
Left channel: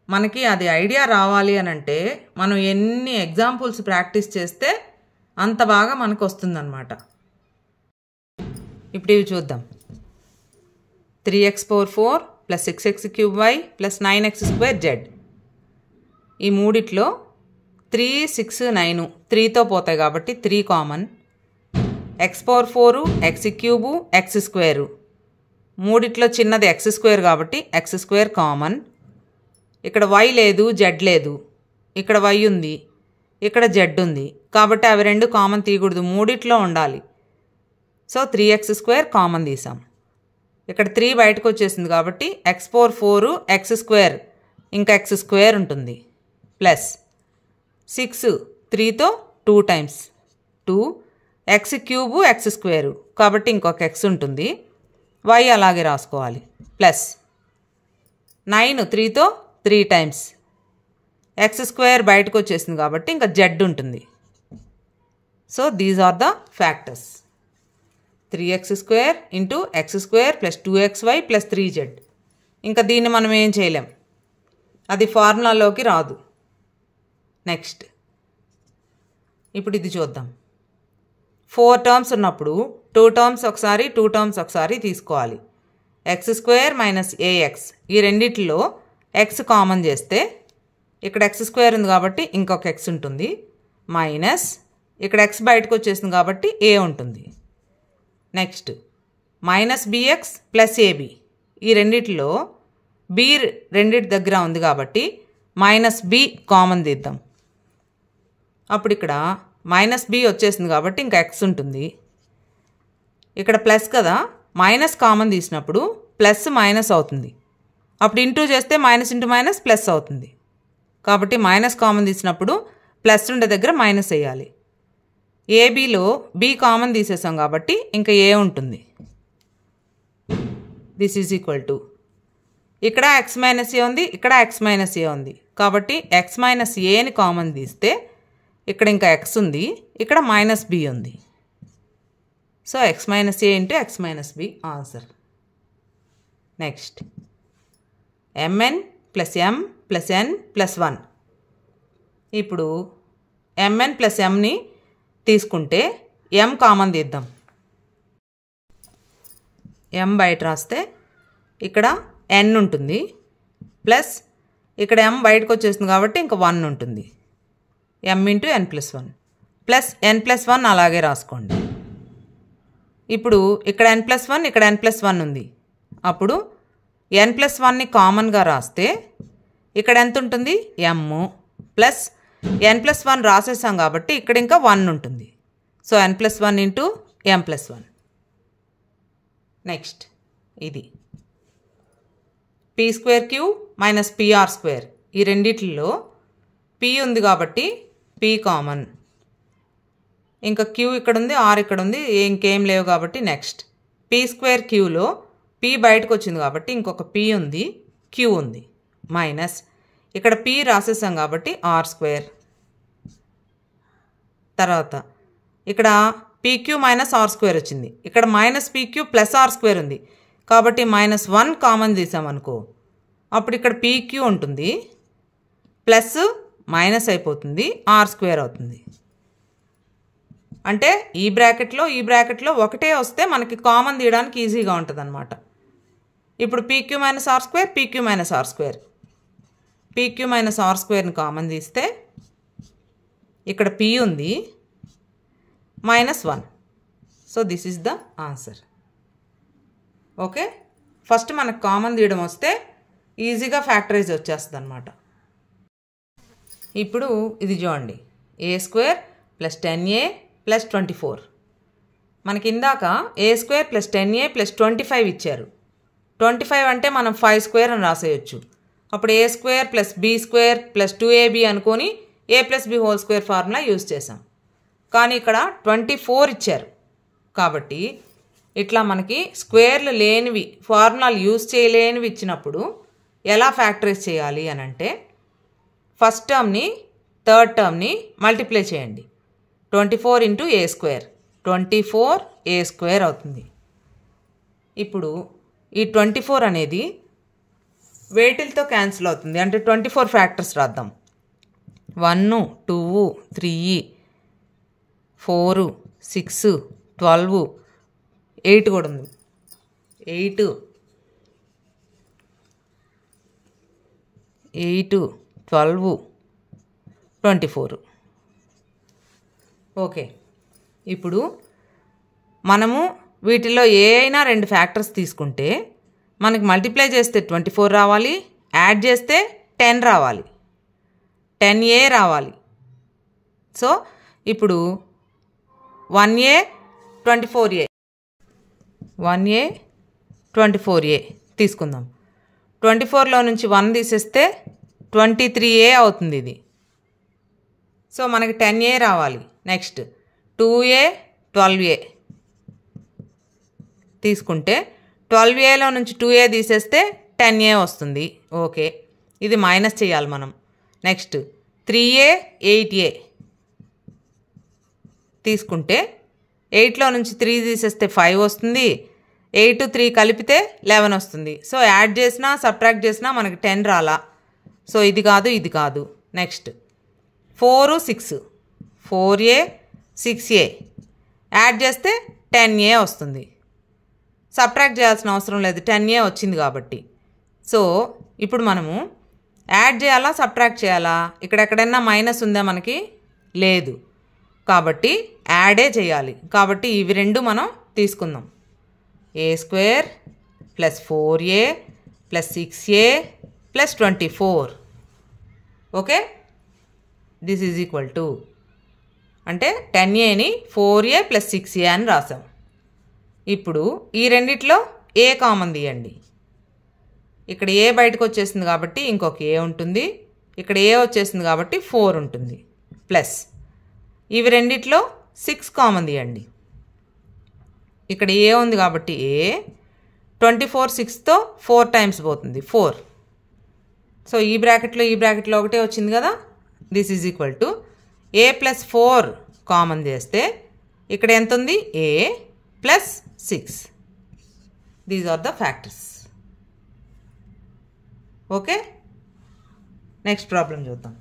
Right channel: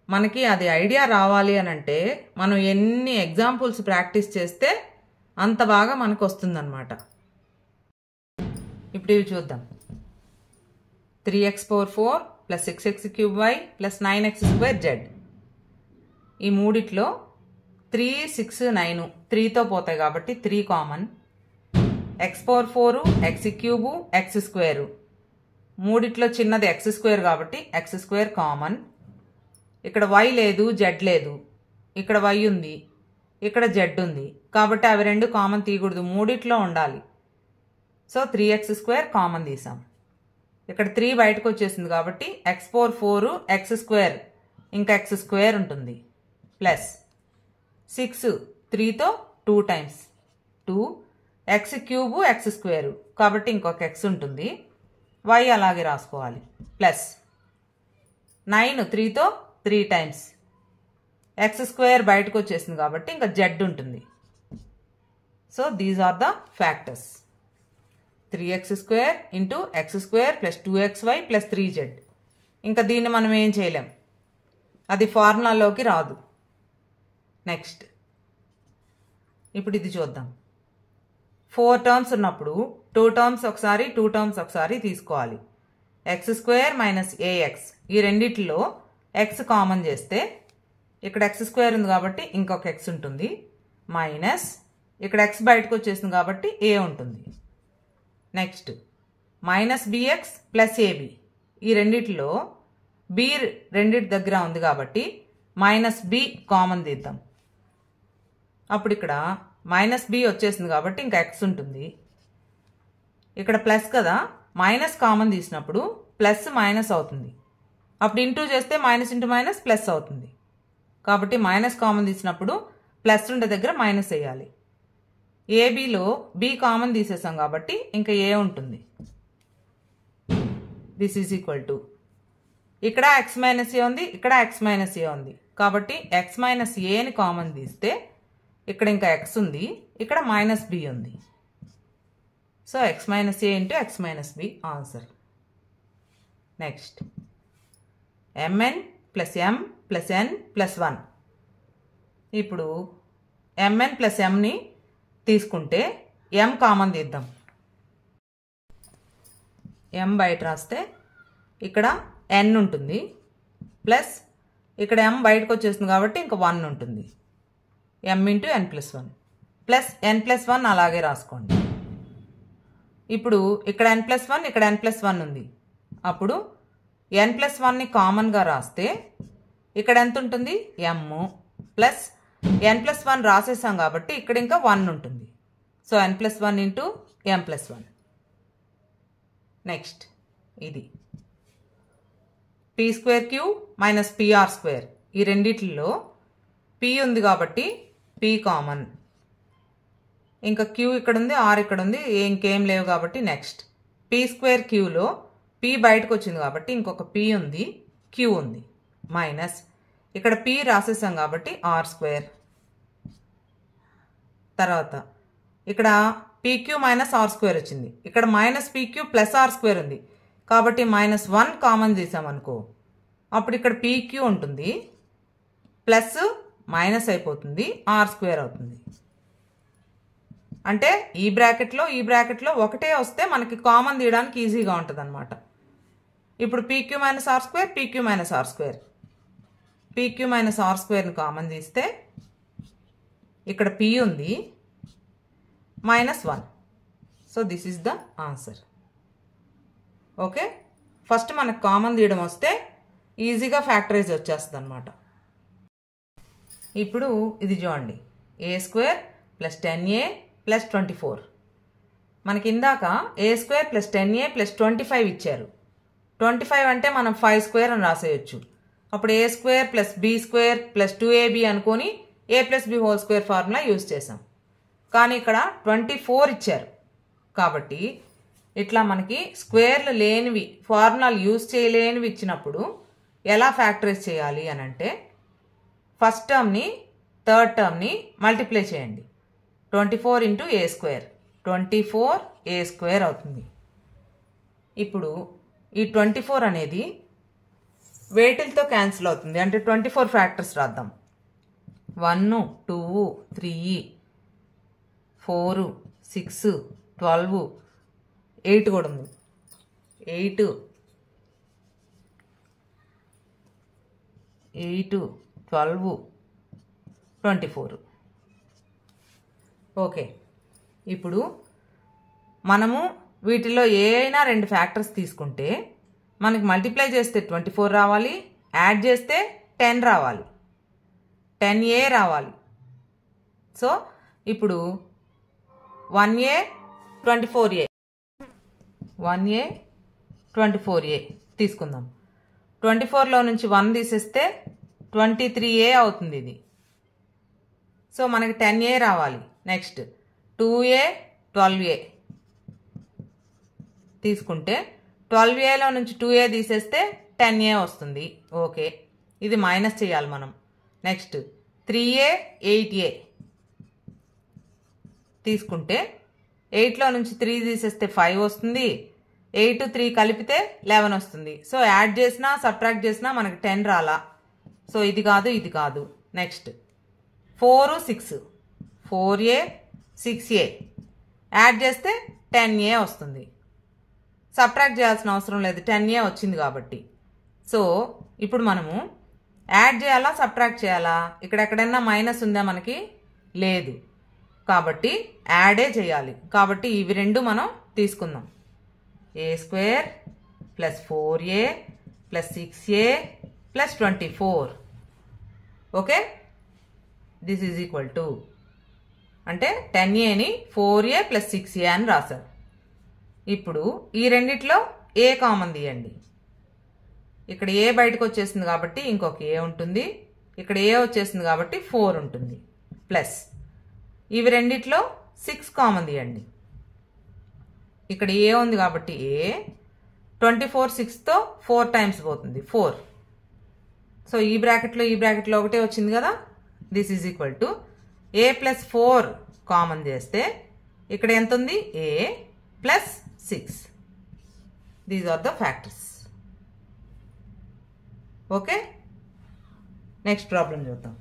మనకి అది ఐడియా రావాలి అని అంటే మనం ఎన్ని ఎగ్జాంపుల్స్ ప్రాక్టీస్ చేస్తే అంత బాగా మనకు వస్తుందన్నమాట. ఇప్పుడు ఇవి చూద్దాం. 3x power 4 plus 6x cube y plus 9x square Z. ఈ మూడిట్లో 3 6 9 3తో పోతాయి కాబట్టి 3 common. X power 4 X cube x square, మూడిట్లో చిన్నది ఎక్స్ స్క్వేర్ కాబట్టి ఎక్స్ స్క్వేర్ కామన్. ఇక్కడ వై లేదు, జెడ్ లేదు. ఇక్కడ వై ఉంది, ఇక్కడ జెడ్ ఉంది. కాబట్టి అవి రెండు కామన్ తీయకూడదు, మూడిట్లో ఉండాలి. సో 3x స్క్వేర్ కామన్ తీసాం. ఇక్కడ 3 బయటకు వచ్చేసింది కాబట్టి ఎక్స్ పవర్ 4 ఎక్స్ స్క్వేర్ ఇంకా ఎక్స్ స్క్వేర్ ఉంటుంది ప్లస్ 6 3తో 2 times 2 x cube x square కాబట్టి ఇంకొక ఎక్స్ ఉంటుంది, వై అలాగే రాసుకోవాలి ప్లస్ 9 3తో 3 టైమ్స్ ఎక్స్ స్క్వేర్ బయటకు వచ్చేసింది కాబట్టి ఇంకా జెడ్ ఉంటుంది. So these are the factors. 3x square into x square plus 2xy plus 3z. ఇంకా దీన్ని మనం ఏం చేయలేం, అది ఫార్ములాలోకి రాదు. నెక్స్ట్ ఇప్పుడు ఇది చూద్దాం. 4 టర్మ్స్ ఉన్నప్పుడు 2 టర్మ్స్ ఒకసారి 2 టర్మ్స్ ఒకసారి తీసుకోవాలి. ఎక్స్ స్క్వేర్ మైనస్ ఏఎక్స్, ఈ రెండిట్లో ఎక్స్ కామన్ చేస్తే ఇక్కడ ఎక్స్ స్క్వేర్ ఉంది కాబట్టి ఇంకొక ఎక్స్ ఉంటుంది, మైనస్ ఇక్కడ ఎక్స్ బయటకు వచ్చేసింది కాబట్టి ఏ ఉంటుంది. Next minus b x plus a b, ఈ రెండిట్లో బి రెండిటి దగ్గర ఉంది కాబట్టి మైనస్ బి కామన్ తీద్దాం. అప్పుడు ఇక్కడ మైనస్ బి వచ్చేసింది కాబట్టి ఇంకా ఎక్స్ ఉంటుంది. ఇక్కడ ప్లస్ కదా, మైనస్ కామన్ తీసినప్పుడు ప్లస్ మైనస్ అవుతుంది. అప్పుడు ఇంటూ చేస్తే మైనస్ ఇంటూ మైనస్ ప్లస్ అవుతుంది. కాబట్టి మైనస్ కామన్ తీసినప్పుడు ప్లస్ ఉండే దగ్గర మైనస్ వేయాలి. ఏబిలో బి కామన్ తీసేసాం కాబట్టి ఇంకా ఏ ఉంటుంది. దిస్ ఈజ్ ఈక్వల్ టు, ఇక్కడ ఎక్స్ మైనస్ ఏ ఉంది, ఇక్కడ ఎక్స్ మైనస్ ఏ ఉంది కాబట్టి ఎక్స్ మైనస్ ఏని కామన్ తీస్తే ఇక్కడ ఇంకా ఎక్స్ ఉంది, ఇక్కడ మైనస్ బి ఉంది. So x minus a into x minus b answer. Next m n plus m plus n plus 1. ఇప్పుడు ఎంఎన్ ప్లస్ ఎంని తీసుకుంటే ఎం కామన్ తీద్దాం. ఎం బయట రాస్తే ఇక్కడ ఎన్ ఉంటుంది ప్లస్ ఇక్కడ ఎం బయటకు వచ్చేస్తుంది కాబట్టి ఇంకా 1 ఉంటుంది. ఎం ఇంటూ ఎన్ ప్లస్ 1 ప్లస్ ఎన్ ప్లస్ 1 అలాగే రాసుకోండి. ఇప్పుడు ఇక్కడ ఎన్ ప్లస్ 1 ఇక్కడ ఎన్ ప్లస్ 1 ఉంది. అప్పుడు ఎన్ ప్లస్ 1ని కామన్గా రాస్తే ఇక్కడ ఎంత ఉంటుంది, ఎమ్ ప్లస్ ఎన్ ప్లస్ 1 రాసేసాం కాబట్టి ఇక్కడ ఇంకా 1 ఉంటుంది. So n plus 1 into m plus 1. Next ఇది p square q minus p r square, ఈ రెండిట్లో పీ ఉంది కాబట్టి పీ కామన్, ఇంకా క్యూ ఇక్కడ ఉంది, ఆర్ ఇక్కడ ఉంది, ఇంకేం లేవు కాబట్టి నెక్స్ట్ పీ స్క్వేర్ క్యూలో పీ బయటకు వచ్చింది కాబట్టి ఇంకొక పీ ఉంది, క్యూ ఉంది, మైనస్ ఇక్కడ పీ రాసేసాం కాబట్టి ఆర్ స్క్వేర్. తర్వాత ఇక్కడ పీక్యూ మైనస్ ఆర్ స్క్వేర్ వచ్చింది, ఇక్కడ minus p q plus r square ఉంది కాబట్టి -1 కామన్ తీసామనుకో, అప్పుడు ఇక్కడ పీక్యూ ఉంటుంది, ప్లస్ మైనస్ అయిపోతుంది, ఆర్ స్క్వేర్ అవుతుంది. అంటే ఈ బ్రాకెట్లో ఒకటే వస్తే మనకి కామన్ తీయడానికి ఈజీగా ఉంటుంది అనమాట. ఇప్పుడు p q minus r square, p q minus r square, p q minus r స్క్వేర్ని కామన్ తీస్తే ఇక్కడ పీ ఉంది, -1. So this is the answer. Okay, first మనకు కామన్ తీయడం వస్తే ఈజీగా ఫ్యాక్టరైజ్ వచ్చేస్తుంది అనమాట. ఇప్పుడు ఇది చూడండి, a² + 10a + 24. మనకి ఇందాక a² + 10a + 25 ఇచ్చారు. 25 అంటే మనం 5² అని రాసేయచ్చు. అప్పుడు a² + b² + 2ab అనుకొని a + b whole square formula use చేసాం. కానీ ఇక్కడ 24 ఇచ్చారు కాబట్టి ఇట్లా మనకి స్క్వేర్లు లేనివి, ఫార్ములాలు యూజ్ చేయలేనివి ఇచ్చినప్పుడు ఎలా ఫ్యాక్టరైజ్ చేయాలి అని అంటే, ఫస్ట్ టర్మ్ని థర్డ్ టర్మ్ని మల్టిప్లై చేయండి. 24 × a², 24a² అవుతుంది. ఇప్పుడు ఈ 24 అనేది వేటిలతో క్యాన్సిల్ అవుతుంది అంటే 24 ఫ్యాక్టర్స్ రాద్దాం. 1, 2, 3, 4, 6, 12, 8 కూడా ఉంది. 8, 12, 24. ఓకే, ఇప్పుడు మనము వీటిలో ఏ అయినా 2 ఫ్యాక్టర్స్ తీసుకుంటే మనకి మల్టిప్లై చేస్తే 24 రావాలి, యాడ్ చేస్తే 10 రావాలి, 10a రావాలి. సో ఇప్పుడు 1a 24a, 1a 24a తీసుకుందాం. 24లో నుంచి 1 తీసేస్తే 23a అవుతుంది ఇది. సో మనకి 10a రావాలి. నెక్స్ట్ 2a 12a తీసుకుంటే 12aలో నుంచి 2a తీసేస్తే 10a వస్తుంది. ఓకే, ఇది మైనస్ చేయాలి మనం. నెక్స్ట్ 3a 8a తీసుకుంటే 8లో నుంచి 3 తీసేస్తే 5 వస్తుంది. 8, 3 కలిపితే 11 వస్తుంది. సో యాడ్ చేసినా సబ్ట్రాక్ట్ చేసినా మనకి 10 రాలా. సో ఇది కాదు, ఇది కాదు. నెక్స్ట్ 4, 6, 4a 6a యాడ్ చేస్తే 10a వస్తుంది. సబ్ట్రాక్ట్ చేయాల్సిన అవసరం లేదు, 10a వచ్చింది కాబట్టి. సో ఇప్పుడు మనము యాడ్ చేయాలా సబ్ట్రాక్ట్ చేయాలా? ఇక్కడ ఎక్కడైనా మైనస్ ఉందా మనకి? లేదు కాబట్టి యాడే చేయాలి. కాబట్టి ఇవి రెండు మనం తీసుకుందాం. a² + 4a + 6a + 24. Okay, this is equal to అంటే 10aని 4a + 6a అని రాసాం. ఇప్పుడు ఈ రెండిట్లో a కామన్ తీయండి. ఇక్కడ a బయటకు వచ్చేసింది కాబట్టి ఇంకొక a ఉంటుంది, ఇక్కడ a వచ్చేసింది కాబట్టి 4 ఉంటుంది. ప్లస్ ఇవి రెండిట్లో 6 కామన్ తీయండి. ఇక్కడ a ఉంది కాబట్టి a, 24 6తో 4 టైమ్స్ పోతుంది 4. సో ఈ బ్రాకెట్లో ఒకటే వచ్చింది కదా. This is equal to a + 4 common చేస్తే ఇక్కడ ఎంత ఉంది? a + 6. These are the factors. Okay, next problem చూద్దాం.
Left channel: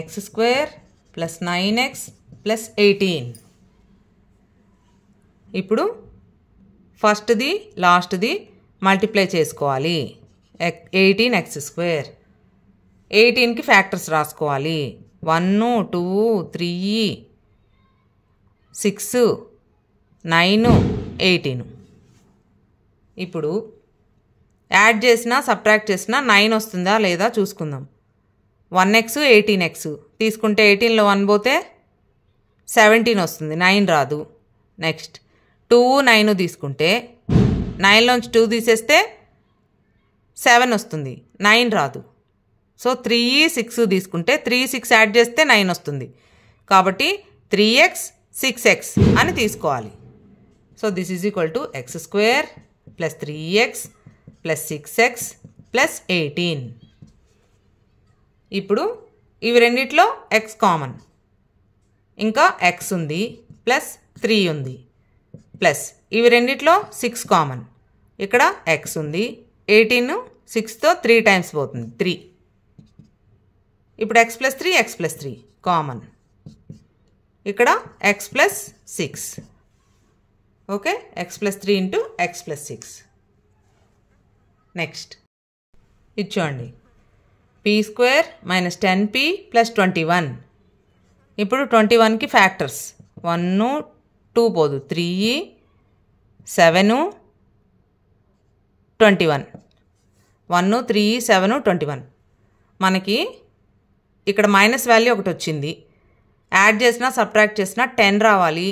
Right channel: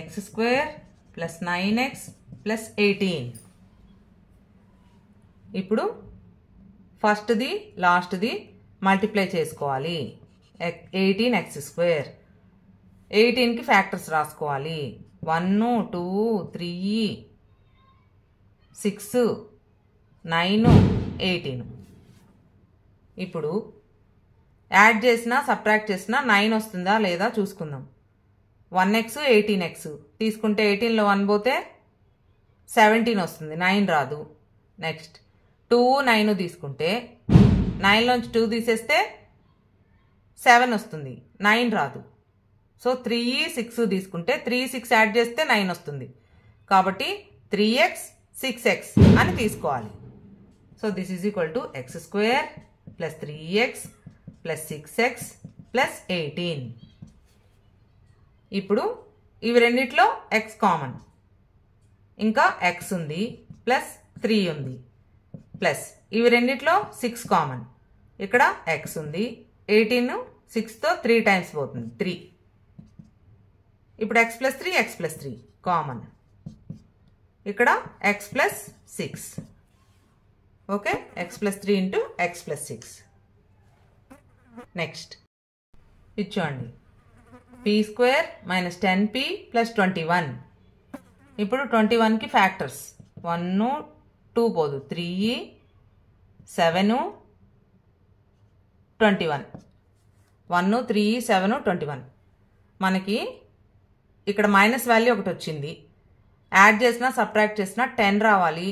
x² + 9x + 18. ఇప్పుడు ఫస్ట్ది లాస్ట్ది మల్టిప్లై చేసుకోవాలి. 18x², 18కి ఫ్యాక్టర్స్ రాసుకోవాలి. 1, 2, 3, 6, 9, 18. ఇప్పుడు యాడ్ చేసినా సబ్ట్రాక్ట్ చేసినా 9 వస్తుందా లేదా చూసుకుందాం. 1x 18x తీసుకుంటే 18లో 1 పోతే 17 వస్తుంది, 9 రాదు. నెక్స్ట్ 2, 9 తీసుకుంటే 9లోంచి 2 తీసేస్తే 7 వస్తుంది, 9 రాదు. సో 3, 6 తీసుకుంటే 3, 6 యాడ్ చేస్తే 9 వస్తుంది. కాబట్టి 3x 6x అని తీసుకోవాలి. So this is equal to x² + 3x + 6x plus 18. ఇప్పుడు ఇవి రెండిట్లో ఎక్స్ కామన్, ఇంకా ఎక్స్ ఉంది ప్లస్ 3 ఉంది, ప్లస్ ఇవి రెండిట్లో 6 కామన్, ఇక్కడ ఎక్స్ ఉంది, 18 6తో 3 టైమ్స్ పోతుంది 3. ఇప్పుడు ఎక్స్ ప్లస్ 3 కామన్, ఇక్కడ x plus 6. Okay, x plus 3 into x plus 6. Next ఇచ్చోండి p square minus 10p plus 21. ఇప్పుడు 21కి ఫ్యాక్టర్స్ 1 2 పోదు 3 7 21. 1 3 7 21. మనకి ఇక్కడ మైనస్ వాల్యూ ఒకటి వచ్చింది, యాడ్ చేసినా సబ్ట్రాక్ట్ చేసినా 10 రావాలి.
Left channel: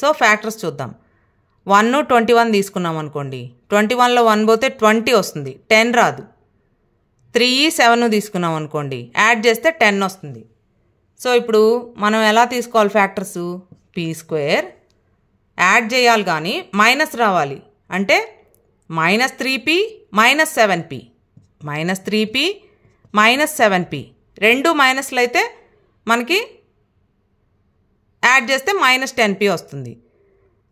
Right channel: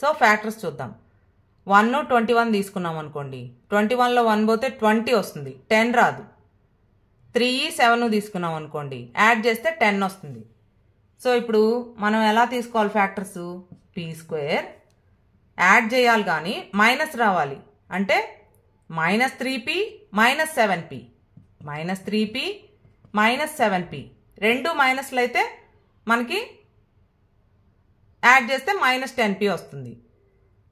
సో ఫ్యాక్టర్స్ చూద్దాం. 1 21 తీసుకున్నాం అనుకోండి, 21లో 1 పోతే 20 వస్తుంది, 10 రాదు. 3 7 తీసుకున్నాం అనుకోండి, యాడ్ చేస్తే 10 వస్తుంది. సో ఇప్పుడు మనం ఎలా తీసుకోవాలి ఫ్యాక్టర్స్? పీ స్క్వేర్ యాడ్ చేయాలి కానీ మైనస్ రావాలి, అంటే minus 3p minus 7p, minus 3p minus 7p. రెండు మైనస్లు అయితే మనకి యాడ్ చేస్తే మైనస్ 10p వస్తుంది.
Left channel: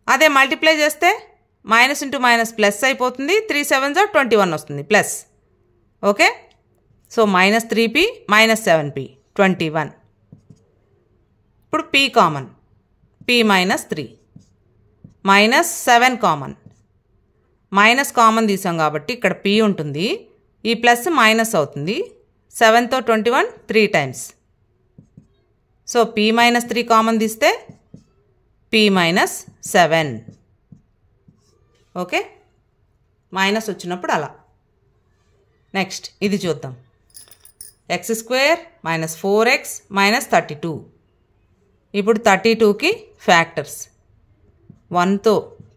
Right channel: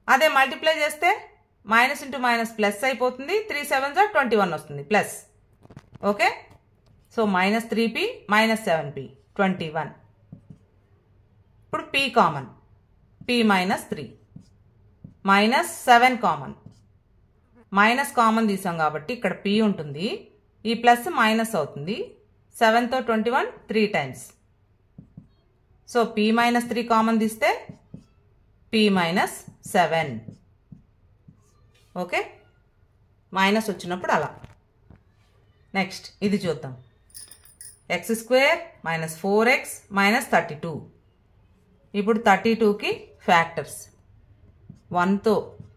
అదే మల్టిప్లై చేస్తే మైనస్ ఇంటూ మైనస్ ప్లస్ అయిపోతుంది, 3 7s 21 వస్తుంది plus. Okay, so minus 3p minus 7p 21. ఇప్పుడు p common, p minus 3 minus 7 common, minus common తీసాం కాబట్టి ఇక్కడ p ఉంటుంది, ఈ ప్లస్ మైనస్ అవుతుంది. 7తో 21 3 times. So p minus 3 common తీస్తే p మైనస్ 7. ఓకే, మైనస్ వచ్చినప్పుడు అలా. నెక్స్ట్ ఇది చూద్దాం. X square minus 4x minus 32. ఇప్పుడు 32కి ఫ్యాక్టర్స్ 1తో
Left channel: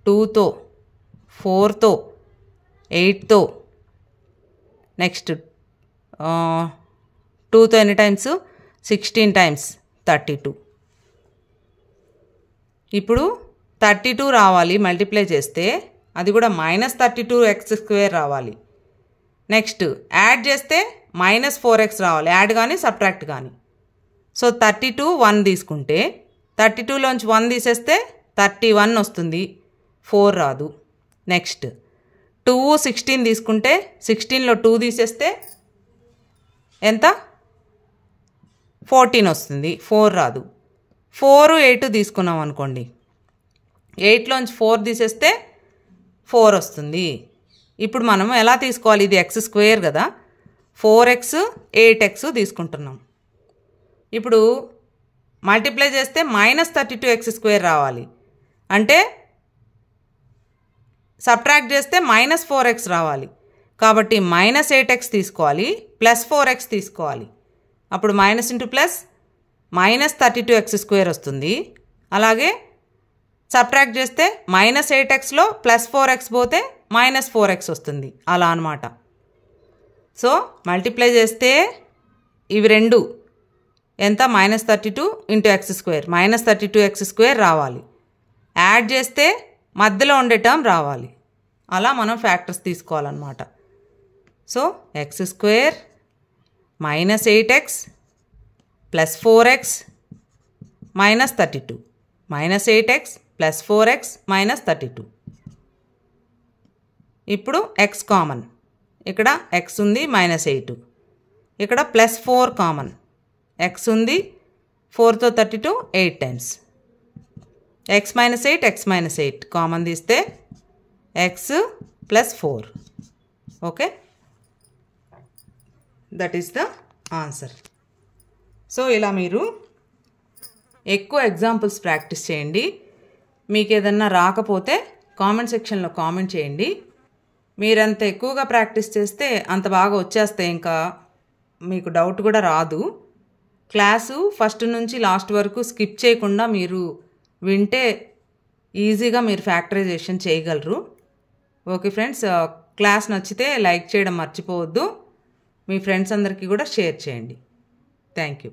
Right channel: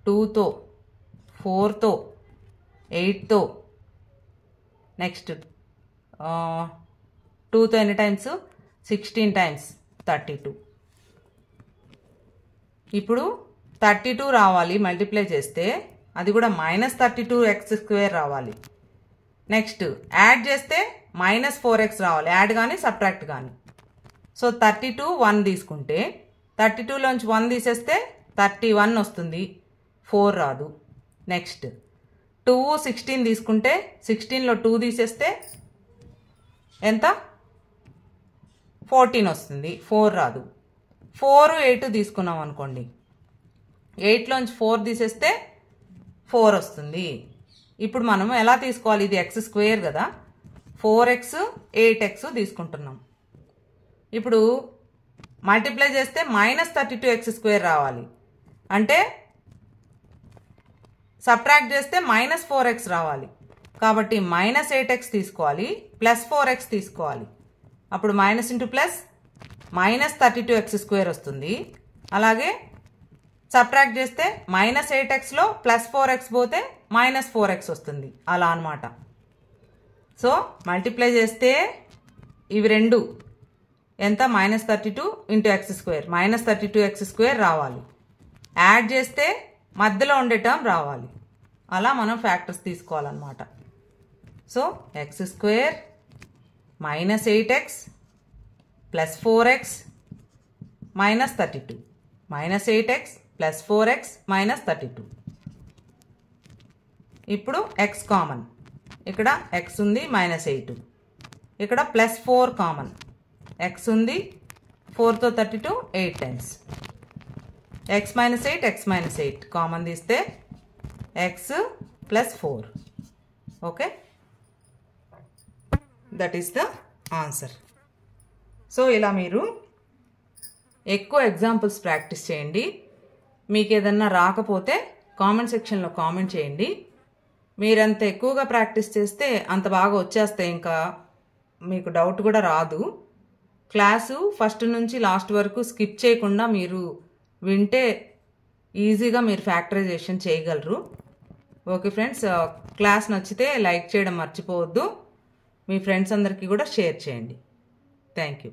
2తో 4తో 8తో, నెక్స్ట్ 2తో ఎన్ని టైమ్స్ 16 టైమ్స్ 32. ఇప్పుడు 32 రావాలి మల్టిప్లై చేస్తే, అది కూడా మైనస్ 32x² రావాలి. నెక్స్ట్ యాడ్ చేస్తే మైనస్ 4x రావాలి, యాడ్ కానీ సబ్ట్రాక్ట్ కానీ. సో 32 1 తీసుకుంటే 32లోంచి 1 తీసేస్తే 31 వస్తుంది, 4 రాదు. నెక్స్ట్ 2 16 తీసుకుంటే 16లో 2 తీసేస్తే ఎంత 14 వస్తుంది, 4 రాదు. 4 8 తీసుకున్నాం అనుకోండి, 8లోంచి 4 తీసేస్తే 4 వస్తుంది. ఇప్పుడు మనం ఎలా తీసుకోవాలి? ఇది ఎక్స్ స్క్వేర్ కదా, 4x 8x తీసుకుంటున్నాం. ఇప్పుడు మల్టిప్లై చేస్తే మైనస్ 32x² రావాలి, అంటే సబ్ట్రాక్ట్ చేస్తే మైనస్ 4x రావాలి. కాబట్టి మైనస్ 8x తీసుకోవాలి, ప్లస్ 4x తీసుకోవాలి. అప్పుడు minus into plus minus 32x² వస్తుంది. అలాగే సబ్ట్రాక్ట్ చేస్తే మైనస్ 8xలో ప్లస్ 4x పోతే మైనస్ 4x వస్తుంది, అలా అనమాట. సో మల్టిప్లై చేస్తే ఇవి రెండు ఎంత, minus 32 into x², minus 32x² రావాలి. యాడ్ చేస్తే మధ్యలో ఉండే టర్మ్ రావాలి, అలా మనం ఫ్యాక్టర్స్ తీసుకోవాలన్నమాట. So x² minus 8x plus 4x minus 32, minus 8x plus 4x minus 32. ఇప్పుడు x కామన్, ఇక్కడ x ఉంది మైనస్ 8, ఇక్కడ ప్లస్ 4 కామన్, x ఉంది 4తో 32 8 టైమ్స్. x మైనస్ 8 కామన్ తీస్తే x plus 4. Okay, that is the answer. So ఇలా మీరు ఎక్కువ examples practice చేయండి. మీకు ఏదన్నా రాకపోతే కామెంట్ సెక్షన్లో కామెంట్ చేయండి. మీరంత ఎక్కువగా ప్రాక్టీస్ చేస్తే అంత బాగా వచ్చేస్తాయి, ఇంకా మీకు డౌట్ కూడా రాదు. క్లాసు ఫస్ట్ నుంచి లాస్ట్ వరకు స్కిప్ చేయకుండా మీరు వింటే ఈజీగా మీరు ఫ్యాక్టరైజేషన్ చేయగలరు. ఓకే ఫ్రెండ్స్, క్లాస్ నచ్చితే లైక్ చేయడం మర్చిపోవద్దు. మీ ఫ్రెండ్స్ అందరికీ కూడా షేర్ చేయండి. Thank you.